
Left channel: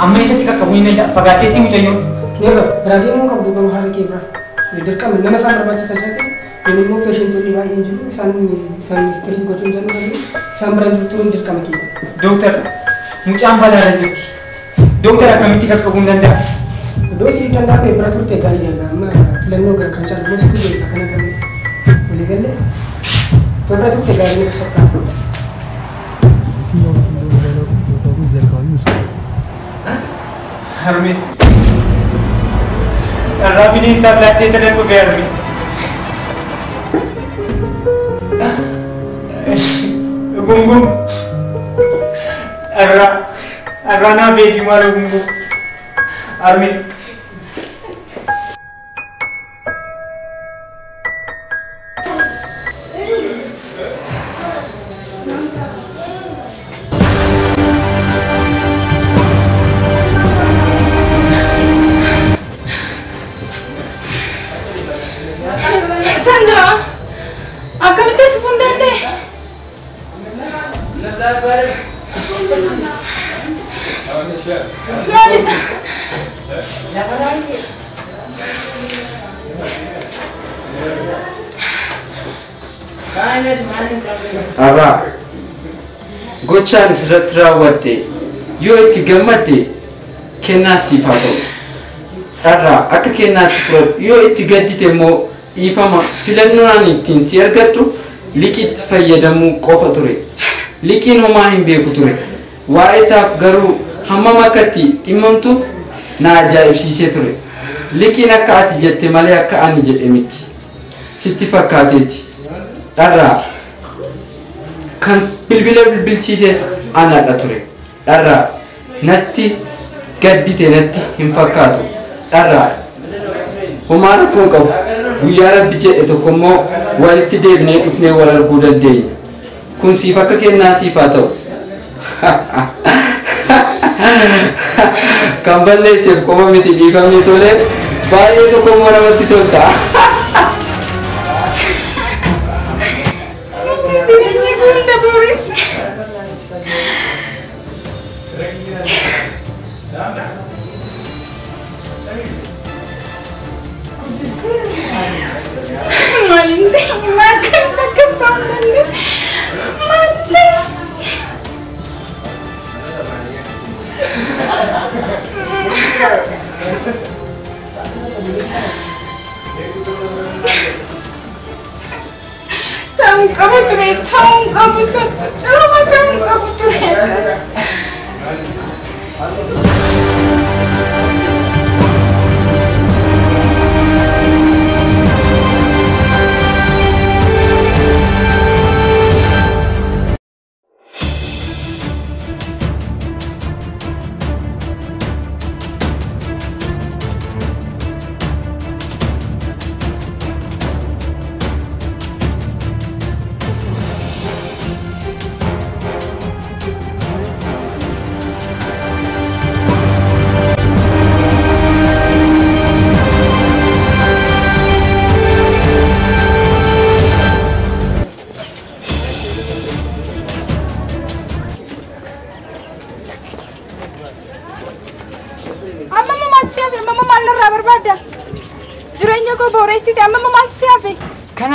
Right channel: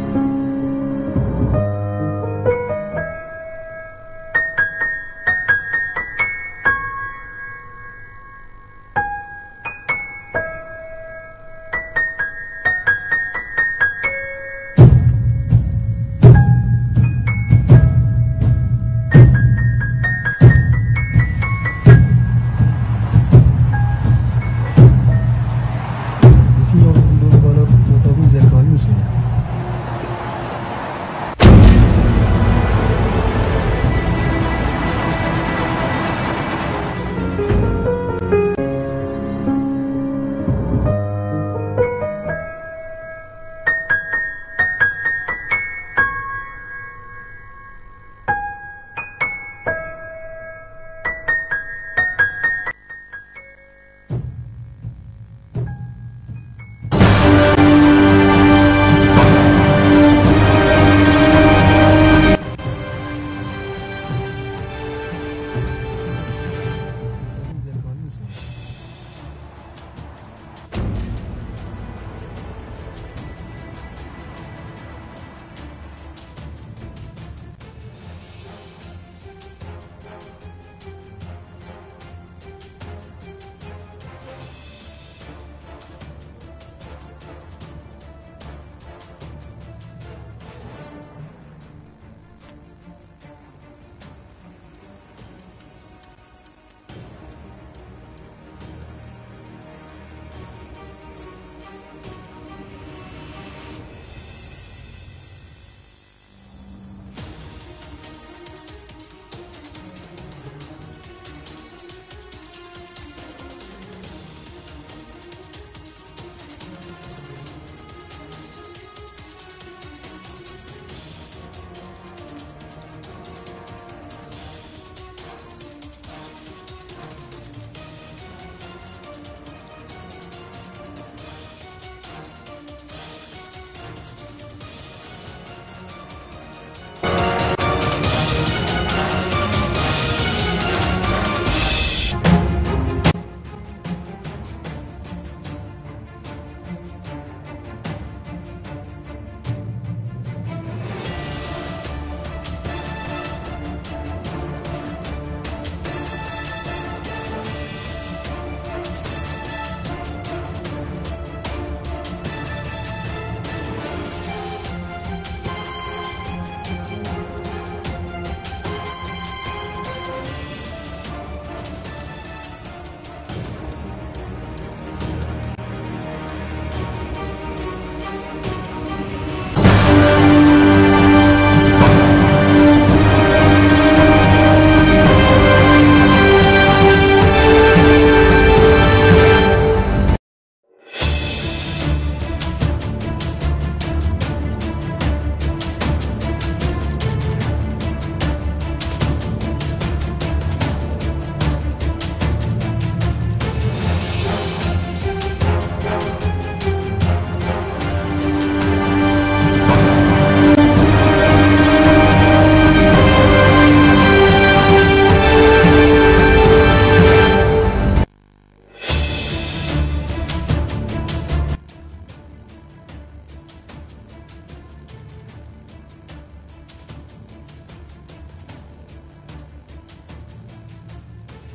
Amma isatti qaqqabuu hin danda'a. Fagaatteetti mucayyoo. Egaa raadiyoo mun qabdu garuu haala kee bira. Dirqama nama isaan barbaachisaa jiraate inni immoo peeshentoonni baay'een jiru isaan ministirii gochuun jallu isaan bira jirtu dirqama kee. Dooktar mucaan balaarra jirti. Dooktar akkamitti qaqqabuu hin danda'a? Iddoo si danda'ame bira turte gaarii danda'a. Amma filannoo gara kan caalu gosa turte akkana galee walii galee bira turte gaarii gosa fakkaatu. Harmi. Rabbi ni isaan laatee tanan dhufee harmi. Gungum. Arraa naa beeki maal gungum. Harmi. Sandra, akkamitti si fuudhande? Maalidha? Arraa gochaan asirratti raawwadde yoo itti gammadde kennaa siif haa ta'u. Arraa akka kennaatti fudhadhu yoo itti gaddite immoo dhiifama filannoon ittiin si argattu liqiitti fayyadamuu qofa ture. Liqiin homaa hin beeku ture. Waa'ee isaaf garuu hammam akka itti dhimmamtuuf na ajaa'ibsiisee ture. Liqiin akka ati jette malee akka ani jedhe miti. Sitti fakkaateeti. Dharraa kan bilbila bilbilsiises anadha ture. Dharraa natti gaddite natti hin fakkaatu. Dharraa homaa rakkoo qabu. Guyyaa rabbi jedhe tokko immoo walitti deebinee dhufnee wal arguu dandeenya. Kun siif akka kennaa siif haa ta'u. Kan balleesseef qofa miti dhiifamni tolee baay'ee tokko immoo namatti tolta. Jireenyi kun dabuuris. Maalinte makan akkas ta'uu danda'e. Maalinte. Ta'uu qaba ture, ta'uu qabu sattu, ciruma ta'uu qabu ture.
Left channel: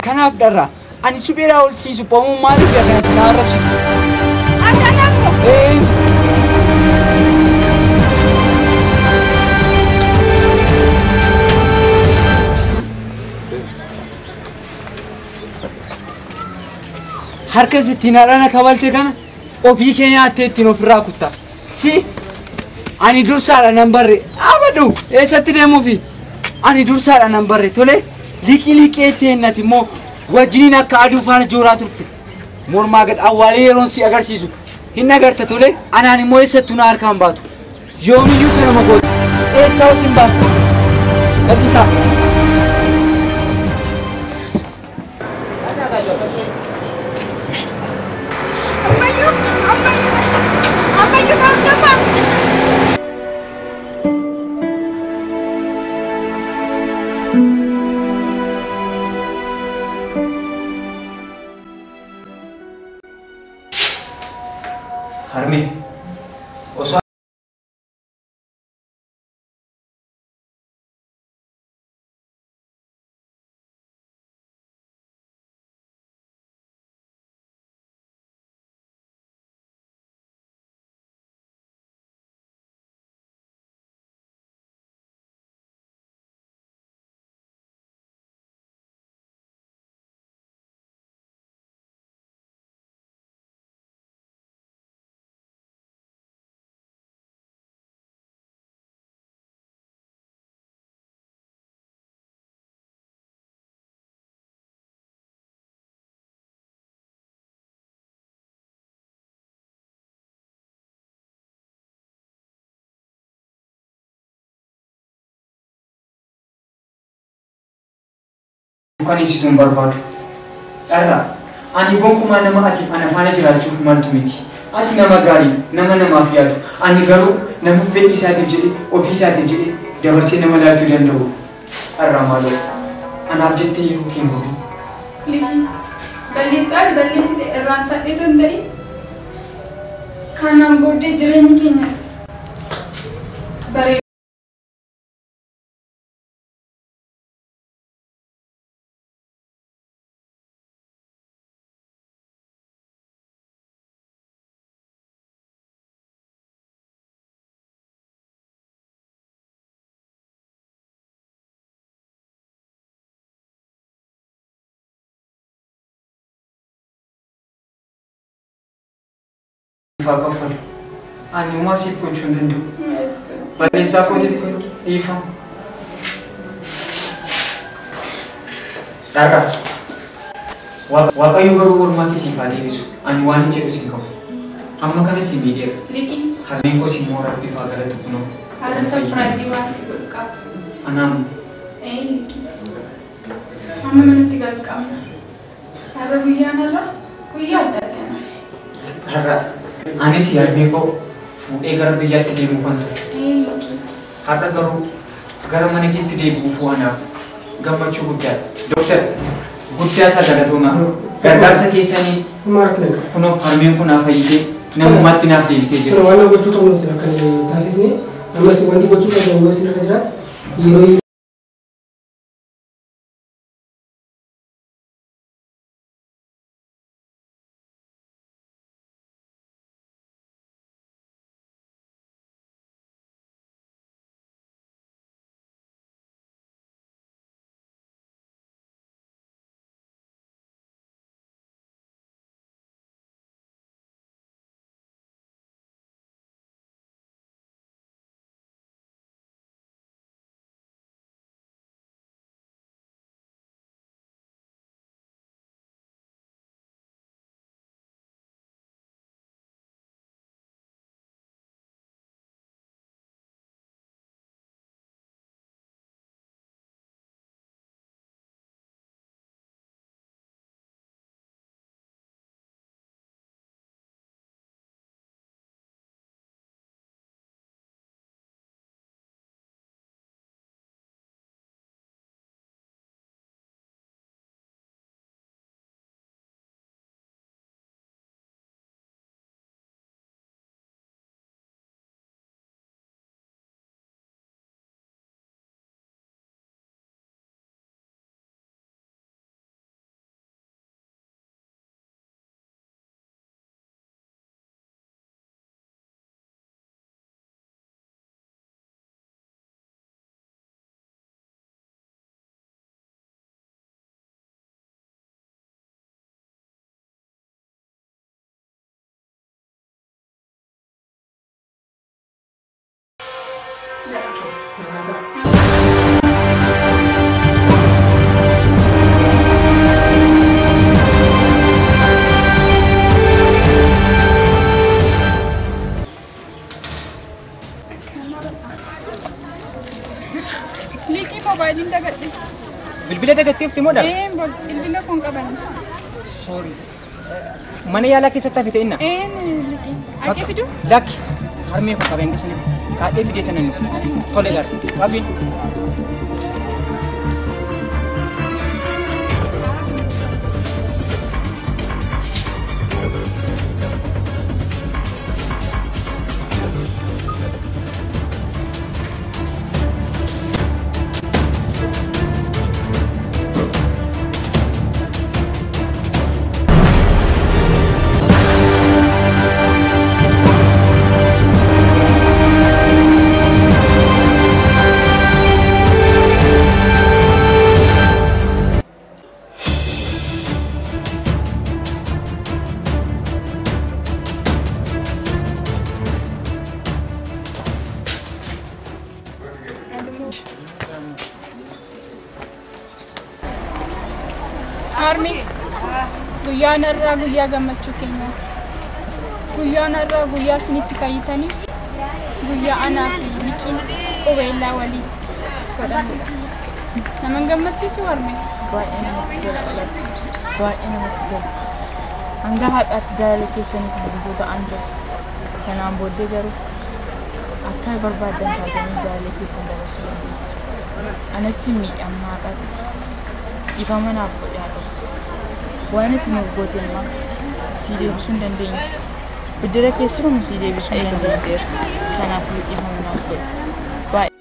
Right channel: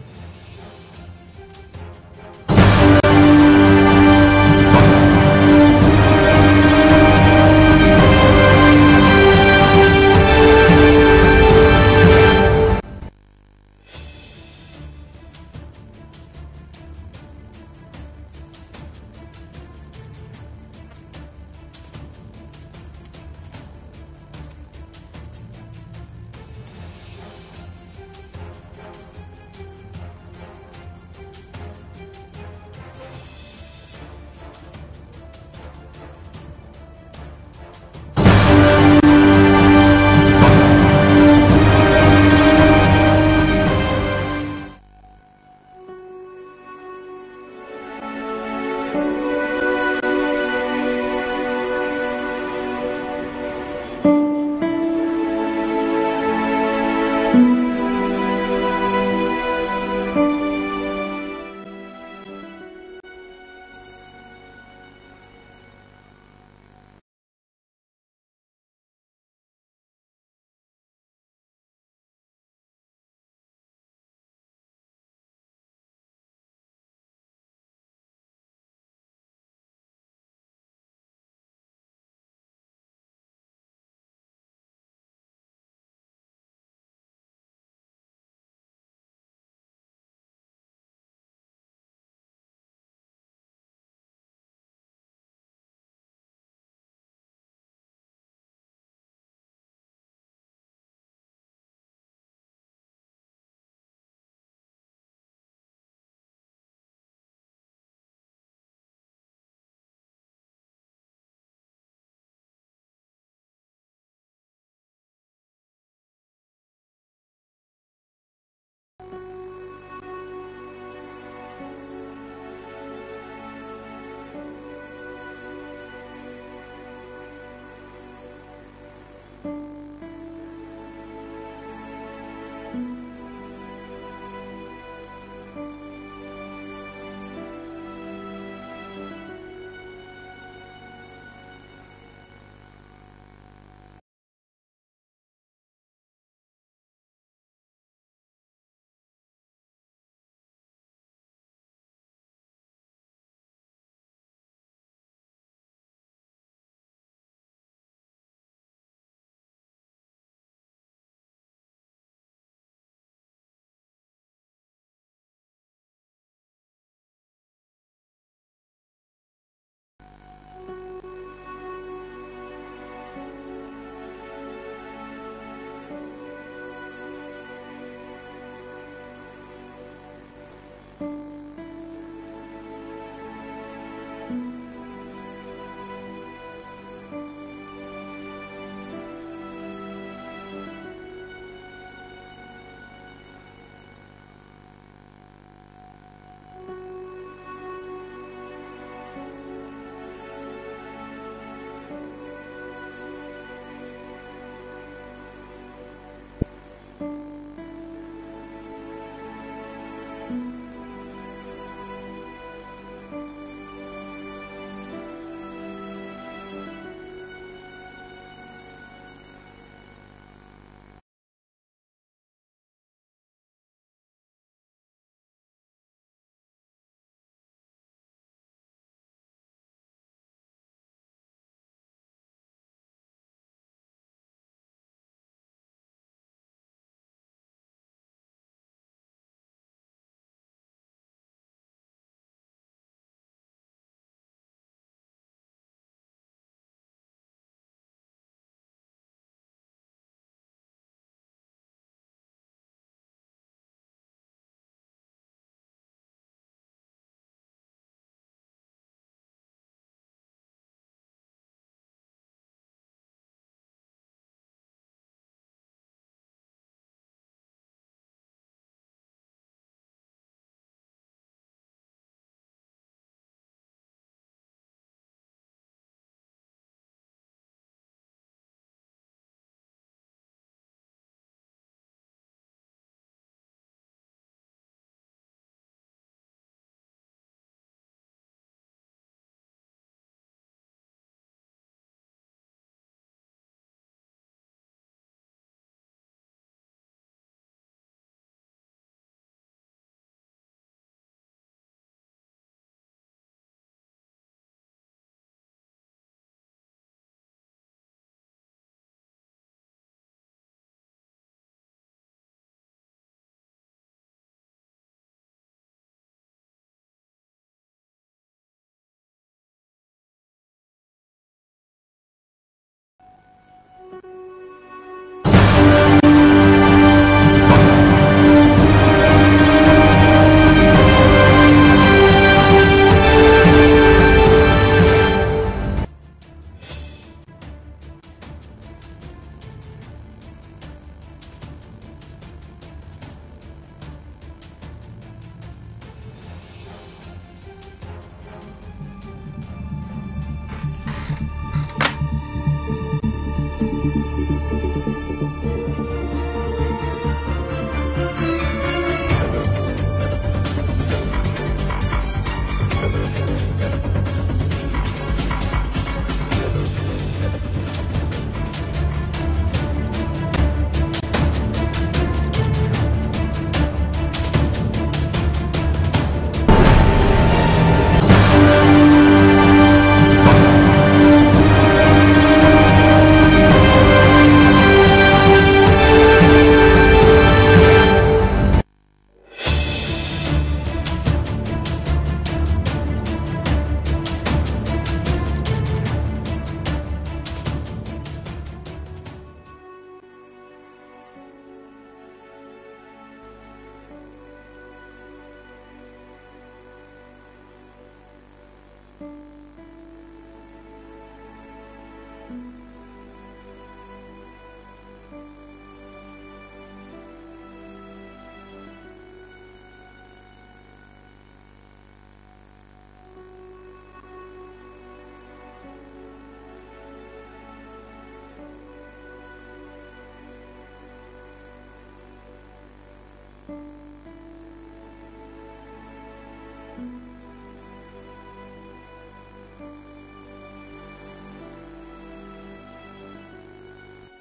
Kanaaf dharraa ani supheeraa ol siisu poomuu maaliif dharraa saarabsitu? harka sittiin haadhana kabalte kana ofii kee nyaattee ittiin ofirraa kutta. Si ani dursaadha nan barre abadu eessatti deemuufi ani dursaadha nan barre tole liqii teennati immoo wajjiniin akka aduu faana jooraa turte mormaa gad awwaalee yeroon si agarsiisu hin agarta tole anaan immoo eessattuu na harkaan baatu yoomiyyuu nama gootu eessaa ol sin baasta lakkisaa. Harmi, osoo kan isituun barbaadu. Dharraa, ani gonkumaa nama ati ana faana jiraachuuf maltu miti. Ati nama gaarii, nama namaaf yaadu. Ani garuu nama fedhii isaatiif jedhee, ofii isaatiif jedhee dabarsee nama laachuu danda'u. Dharraa maaloo, anaaf jettee yeroo kee hin Liki, balleessite irraan fadheetu hin ta'in. Kanaan booddee jireenyi keenyas bareeda. Fakkaffal, ani uumaa siif gochuu hin danda'u. Balleessaa kootiif dhiifama. Dharraa, Waaqayyo garuu oolmaa kee siif haa deebisu. Ani waan hin jedhu sin qabu. Amma kanas si miidheera. Liki, Harmeen koo si mooraa bifaa galata kunoo. har'a sarpiraayizii waan si godhu qaba. Anaan Liki, amma manatti galu qabna. Har'a guyyaa addaati. har'a anis harmee koo fuudhee gara biyyaatti deemuufan ture. Har'a garuu gara mana keetti deebi'uuf anaaf gammachuu guddaadha. Dooktar, guddaa isaa galatoomaa. Gargaarsa keessanii kunoo harmeen kun naaf fayyitee namummaatti naaf deebitee jira. Waan gochuu qabnu kan taasisne ammas wanti gochuu qabnu ammas irra jira yeroo Liqii mobaayiliin dagadhe. Bilbila dagatteefti moo dhala? Bilbila kun qaban. Sorry. Mana yaalaa keessatti hafite inna? Liqii. Aqee fidu? Lakki. Harmee kun qabeen bisanii. Kaadhee fidee tanan. Tole gaara. Qabiin. Harmi guyyaan irraa guyyaa gammachuu keenyaati. Guyyaan irraa guyyaa isinitti fayyitanii guyyaa anaa fi liqiin qubeellaa walii godhanidha. Nama gammachiisu harmi. Baay'ee namatti tola. Baay'ee namatti tola. Hanga haadhaatti jaalala keessaniif guutuu ta'an jira. Kanaan booddee garuu akka barbaadan taatanii jaalala keessan dabarsuu dandeessu. Anas miidhamna haadhaatti. Ifa manaaf godhe haa ta'u. Waan itti nuuf goote immoo sii deebisuu hin dandeenye. Biddira keessumaa sii deebisuu hin dandeenyeera. Kanaaf ifa manaaf godhe.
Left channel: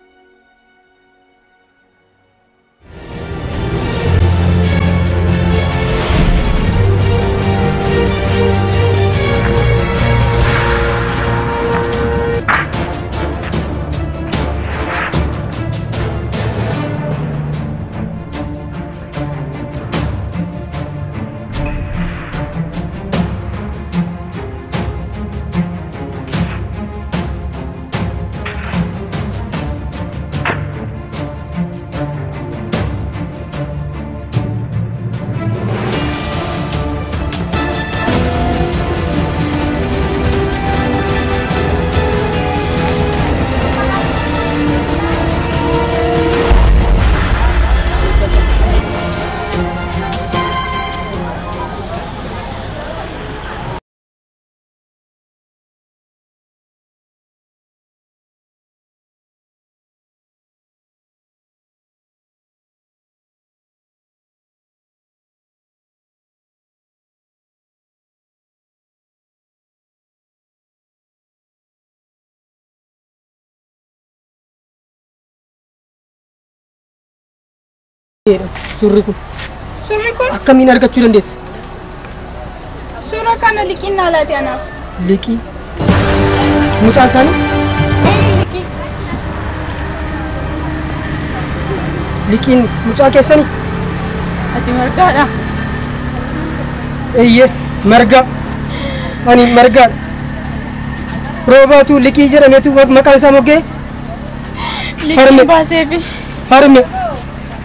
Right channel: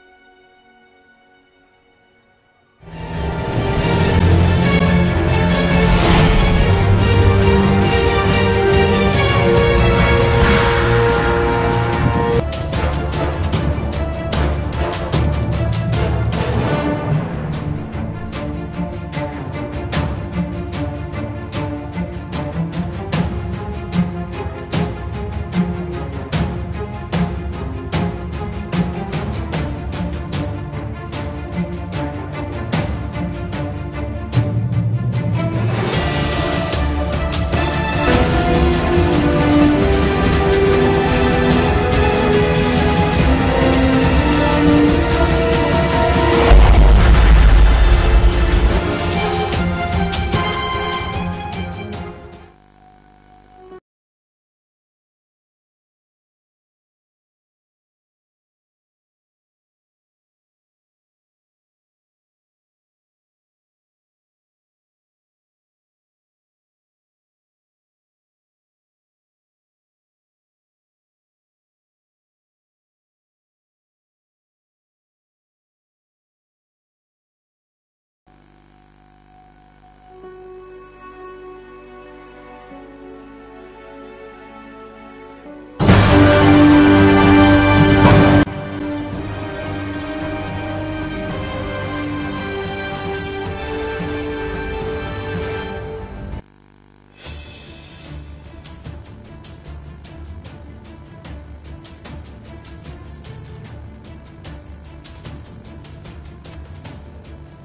Surri kun Surri kun akkamiin argachuu dandeessa? suura kana liqiin naa laate anaaf. Liqii mucaa isaanii Liqii. liqiin mucaa keessanii Ati margaadha. eeyyee margaa ani margaadha. Roobaatu liqii jedhameetu maqaan isaa moggee Liqii baaseefi. harme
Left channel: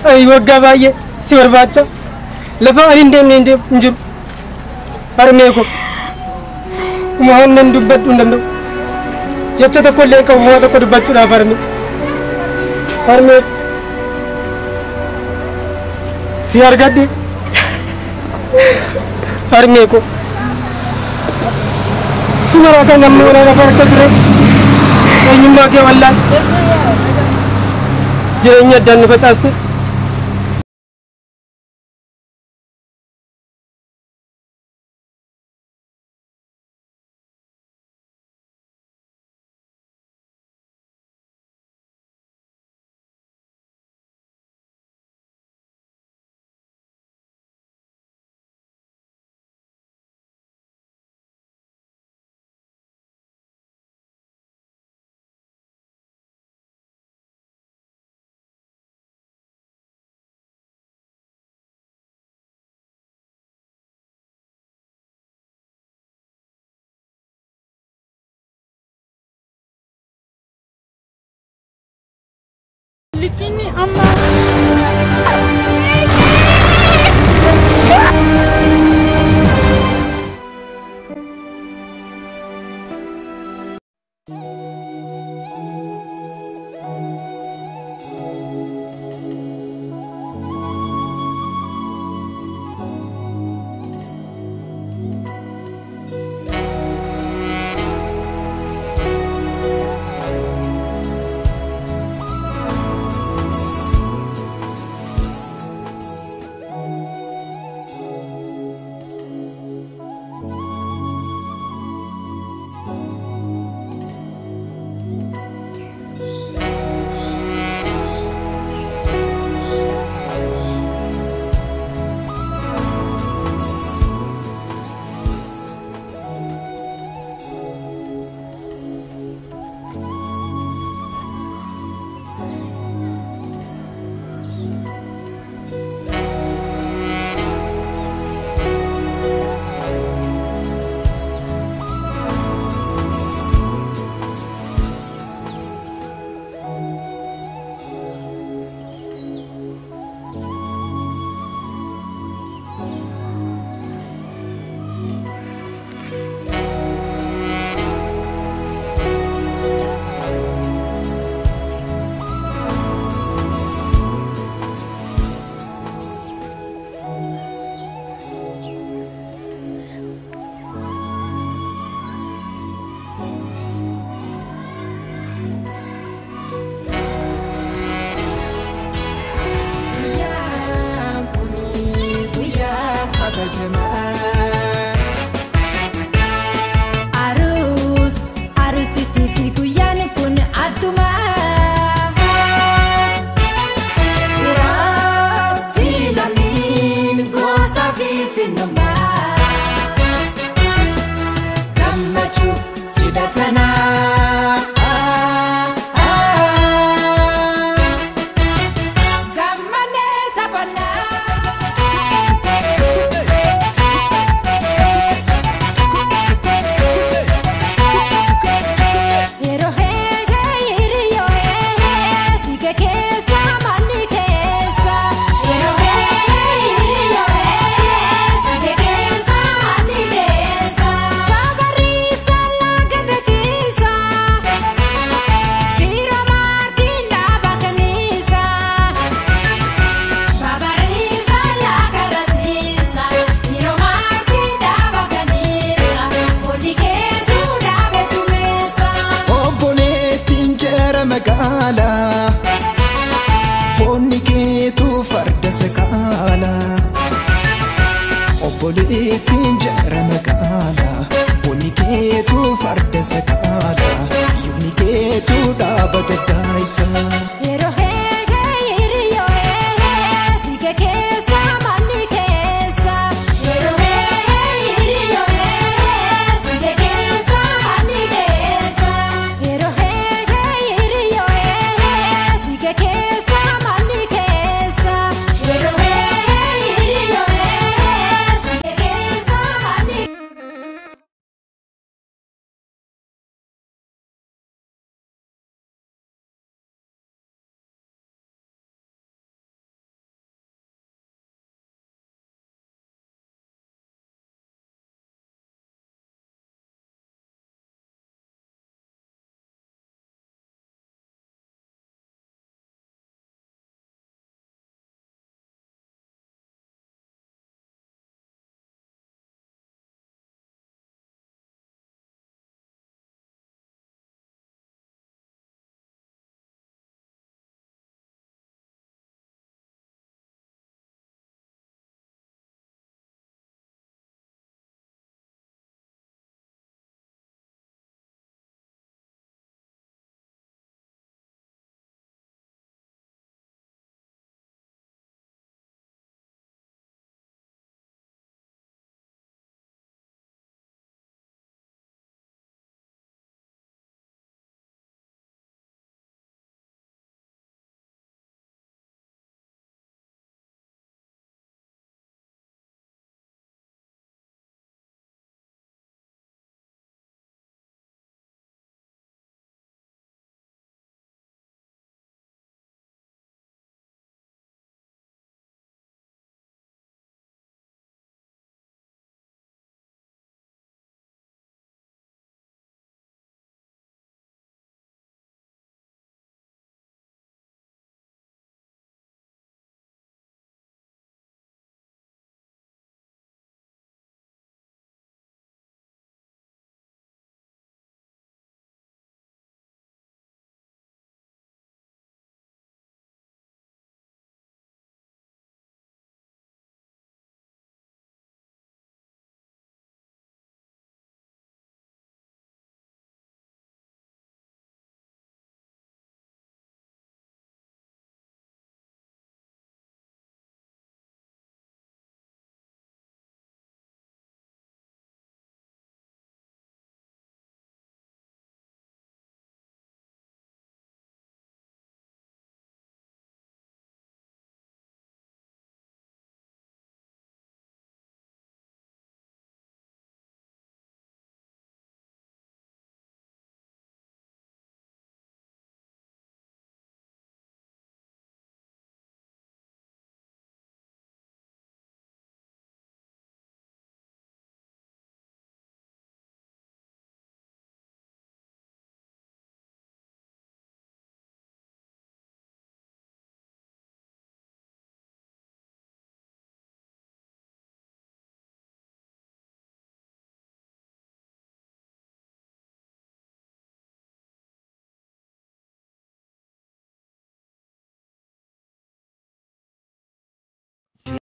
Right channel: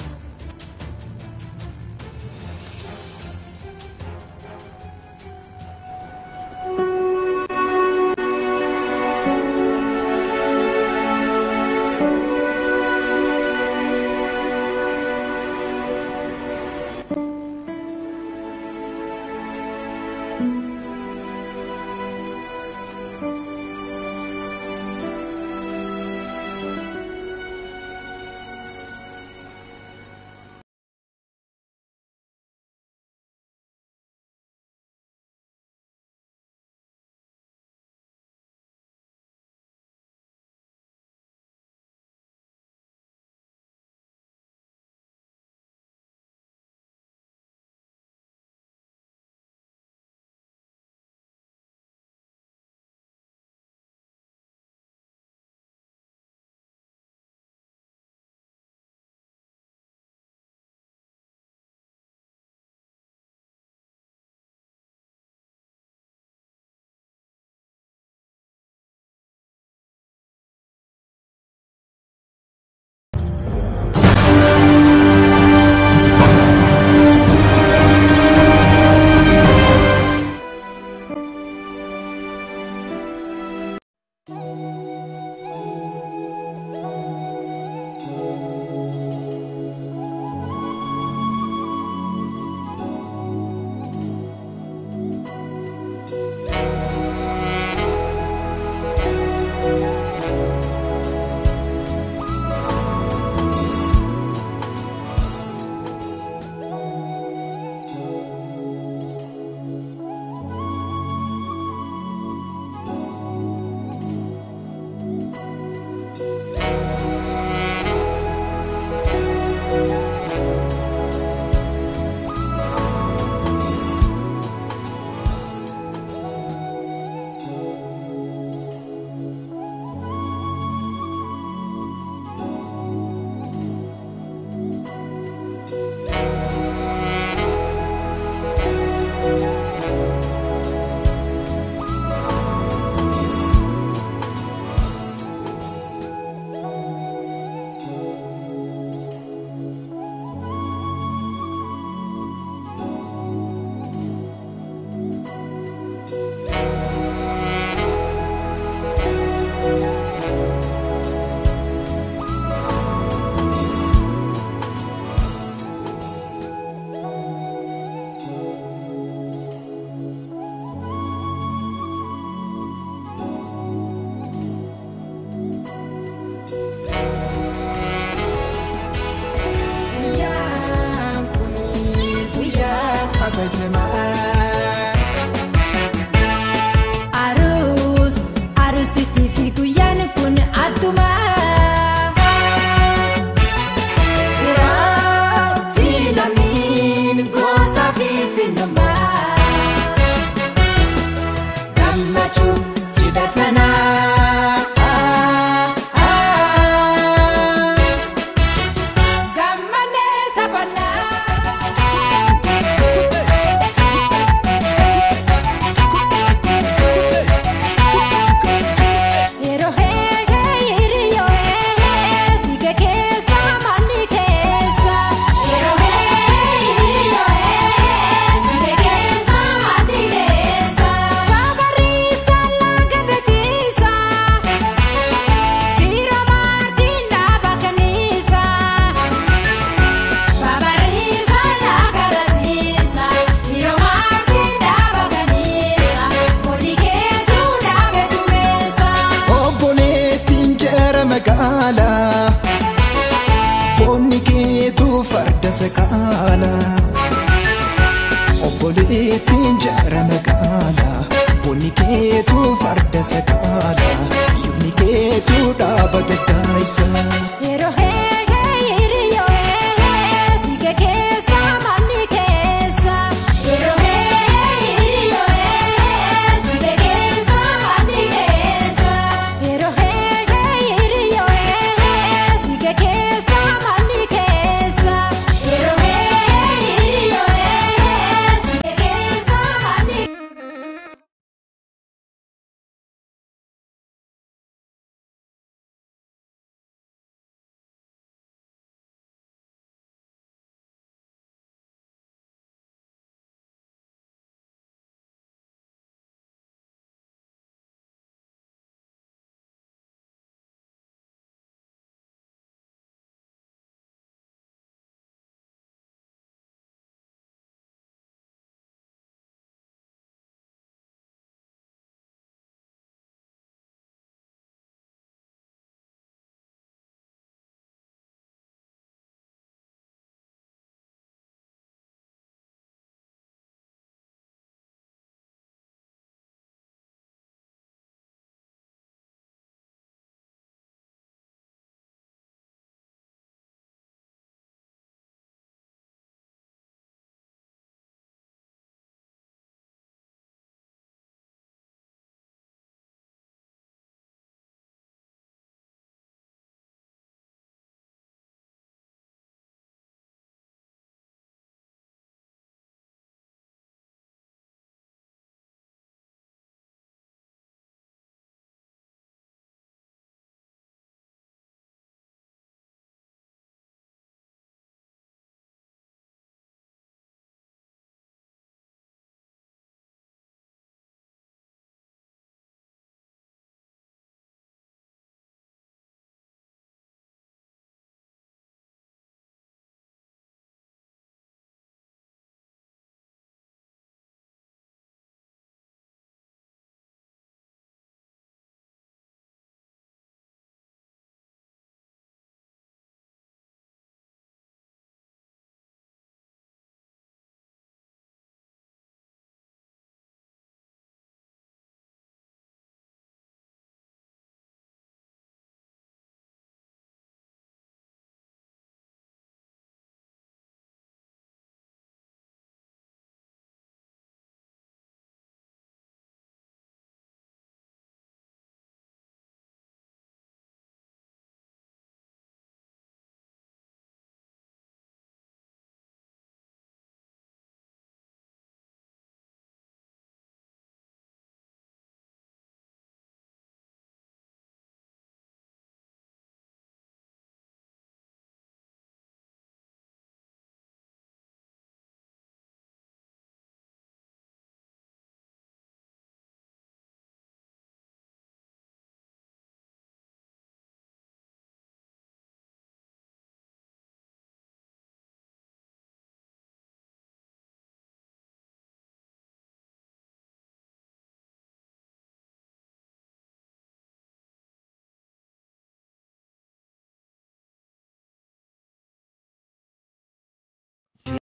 ani waggaa baay'ee si barbaacha lafa ani hin deemne hin jiru harmee ko waan nan dubbadhu hin danda'u jecha tokko illee qabu waa tokko dubbachuudhaaf harmee si argadhe harmee ko si maraa kan namni wala lafa harka ture eenyummaa kee wallaan jireenya addaan nu facaaste. beekini amma. Arus di TV kuyan kun atuma filamin gosa fifinoma Gammachu tidak tenang Gammane tapana Magala Bonni ke tu farda sakala Obboleettiin jara magala Bonni ke tu farda sakala Yumni ke tu dhaabata daayisa Yeroo hiriyo sige keessa manni keessa Yeroo hiriyo sige keessa manni keessa Yeroo hiriyo sige keessa manni keessa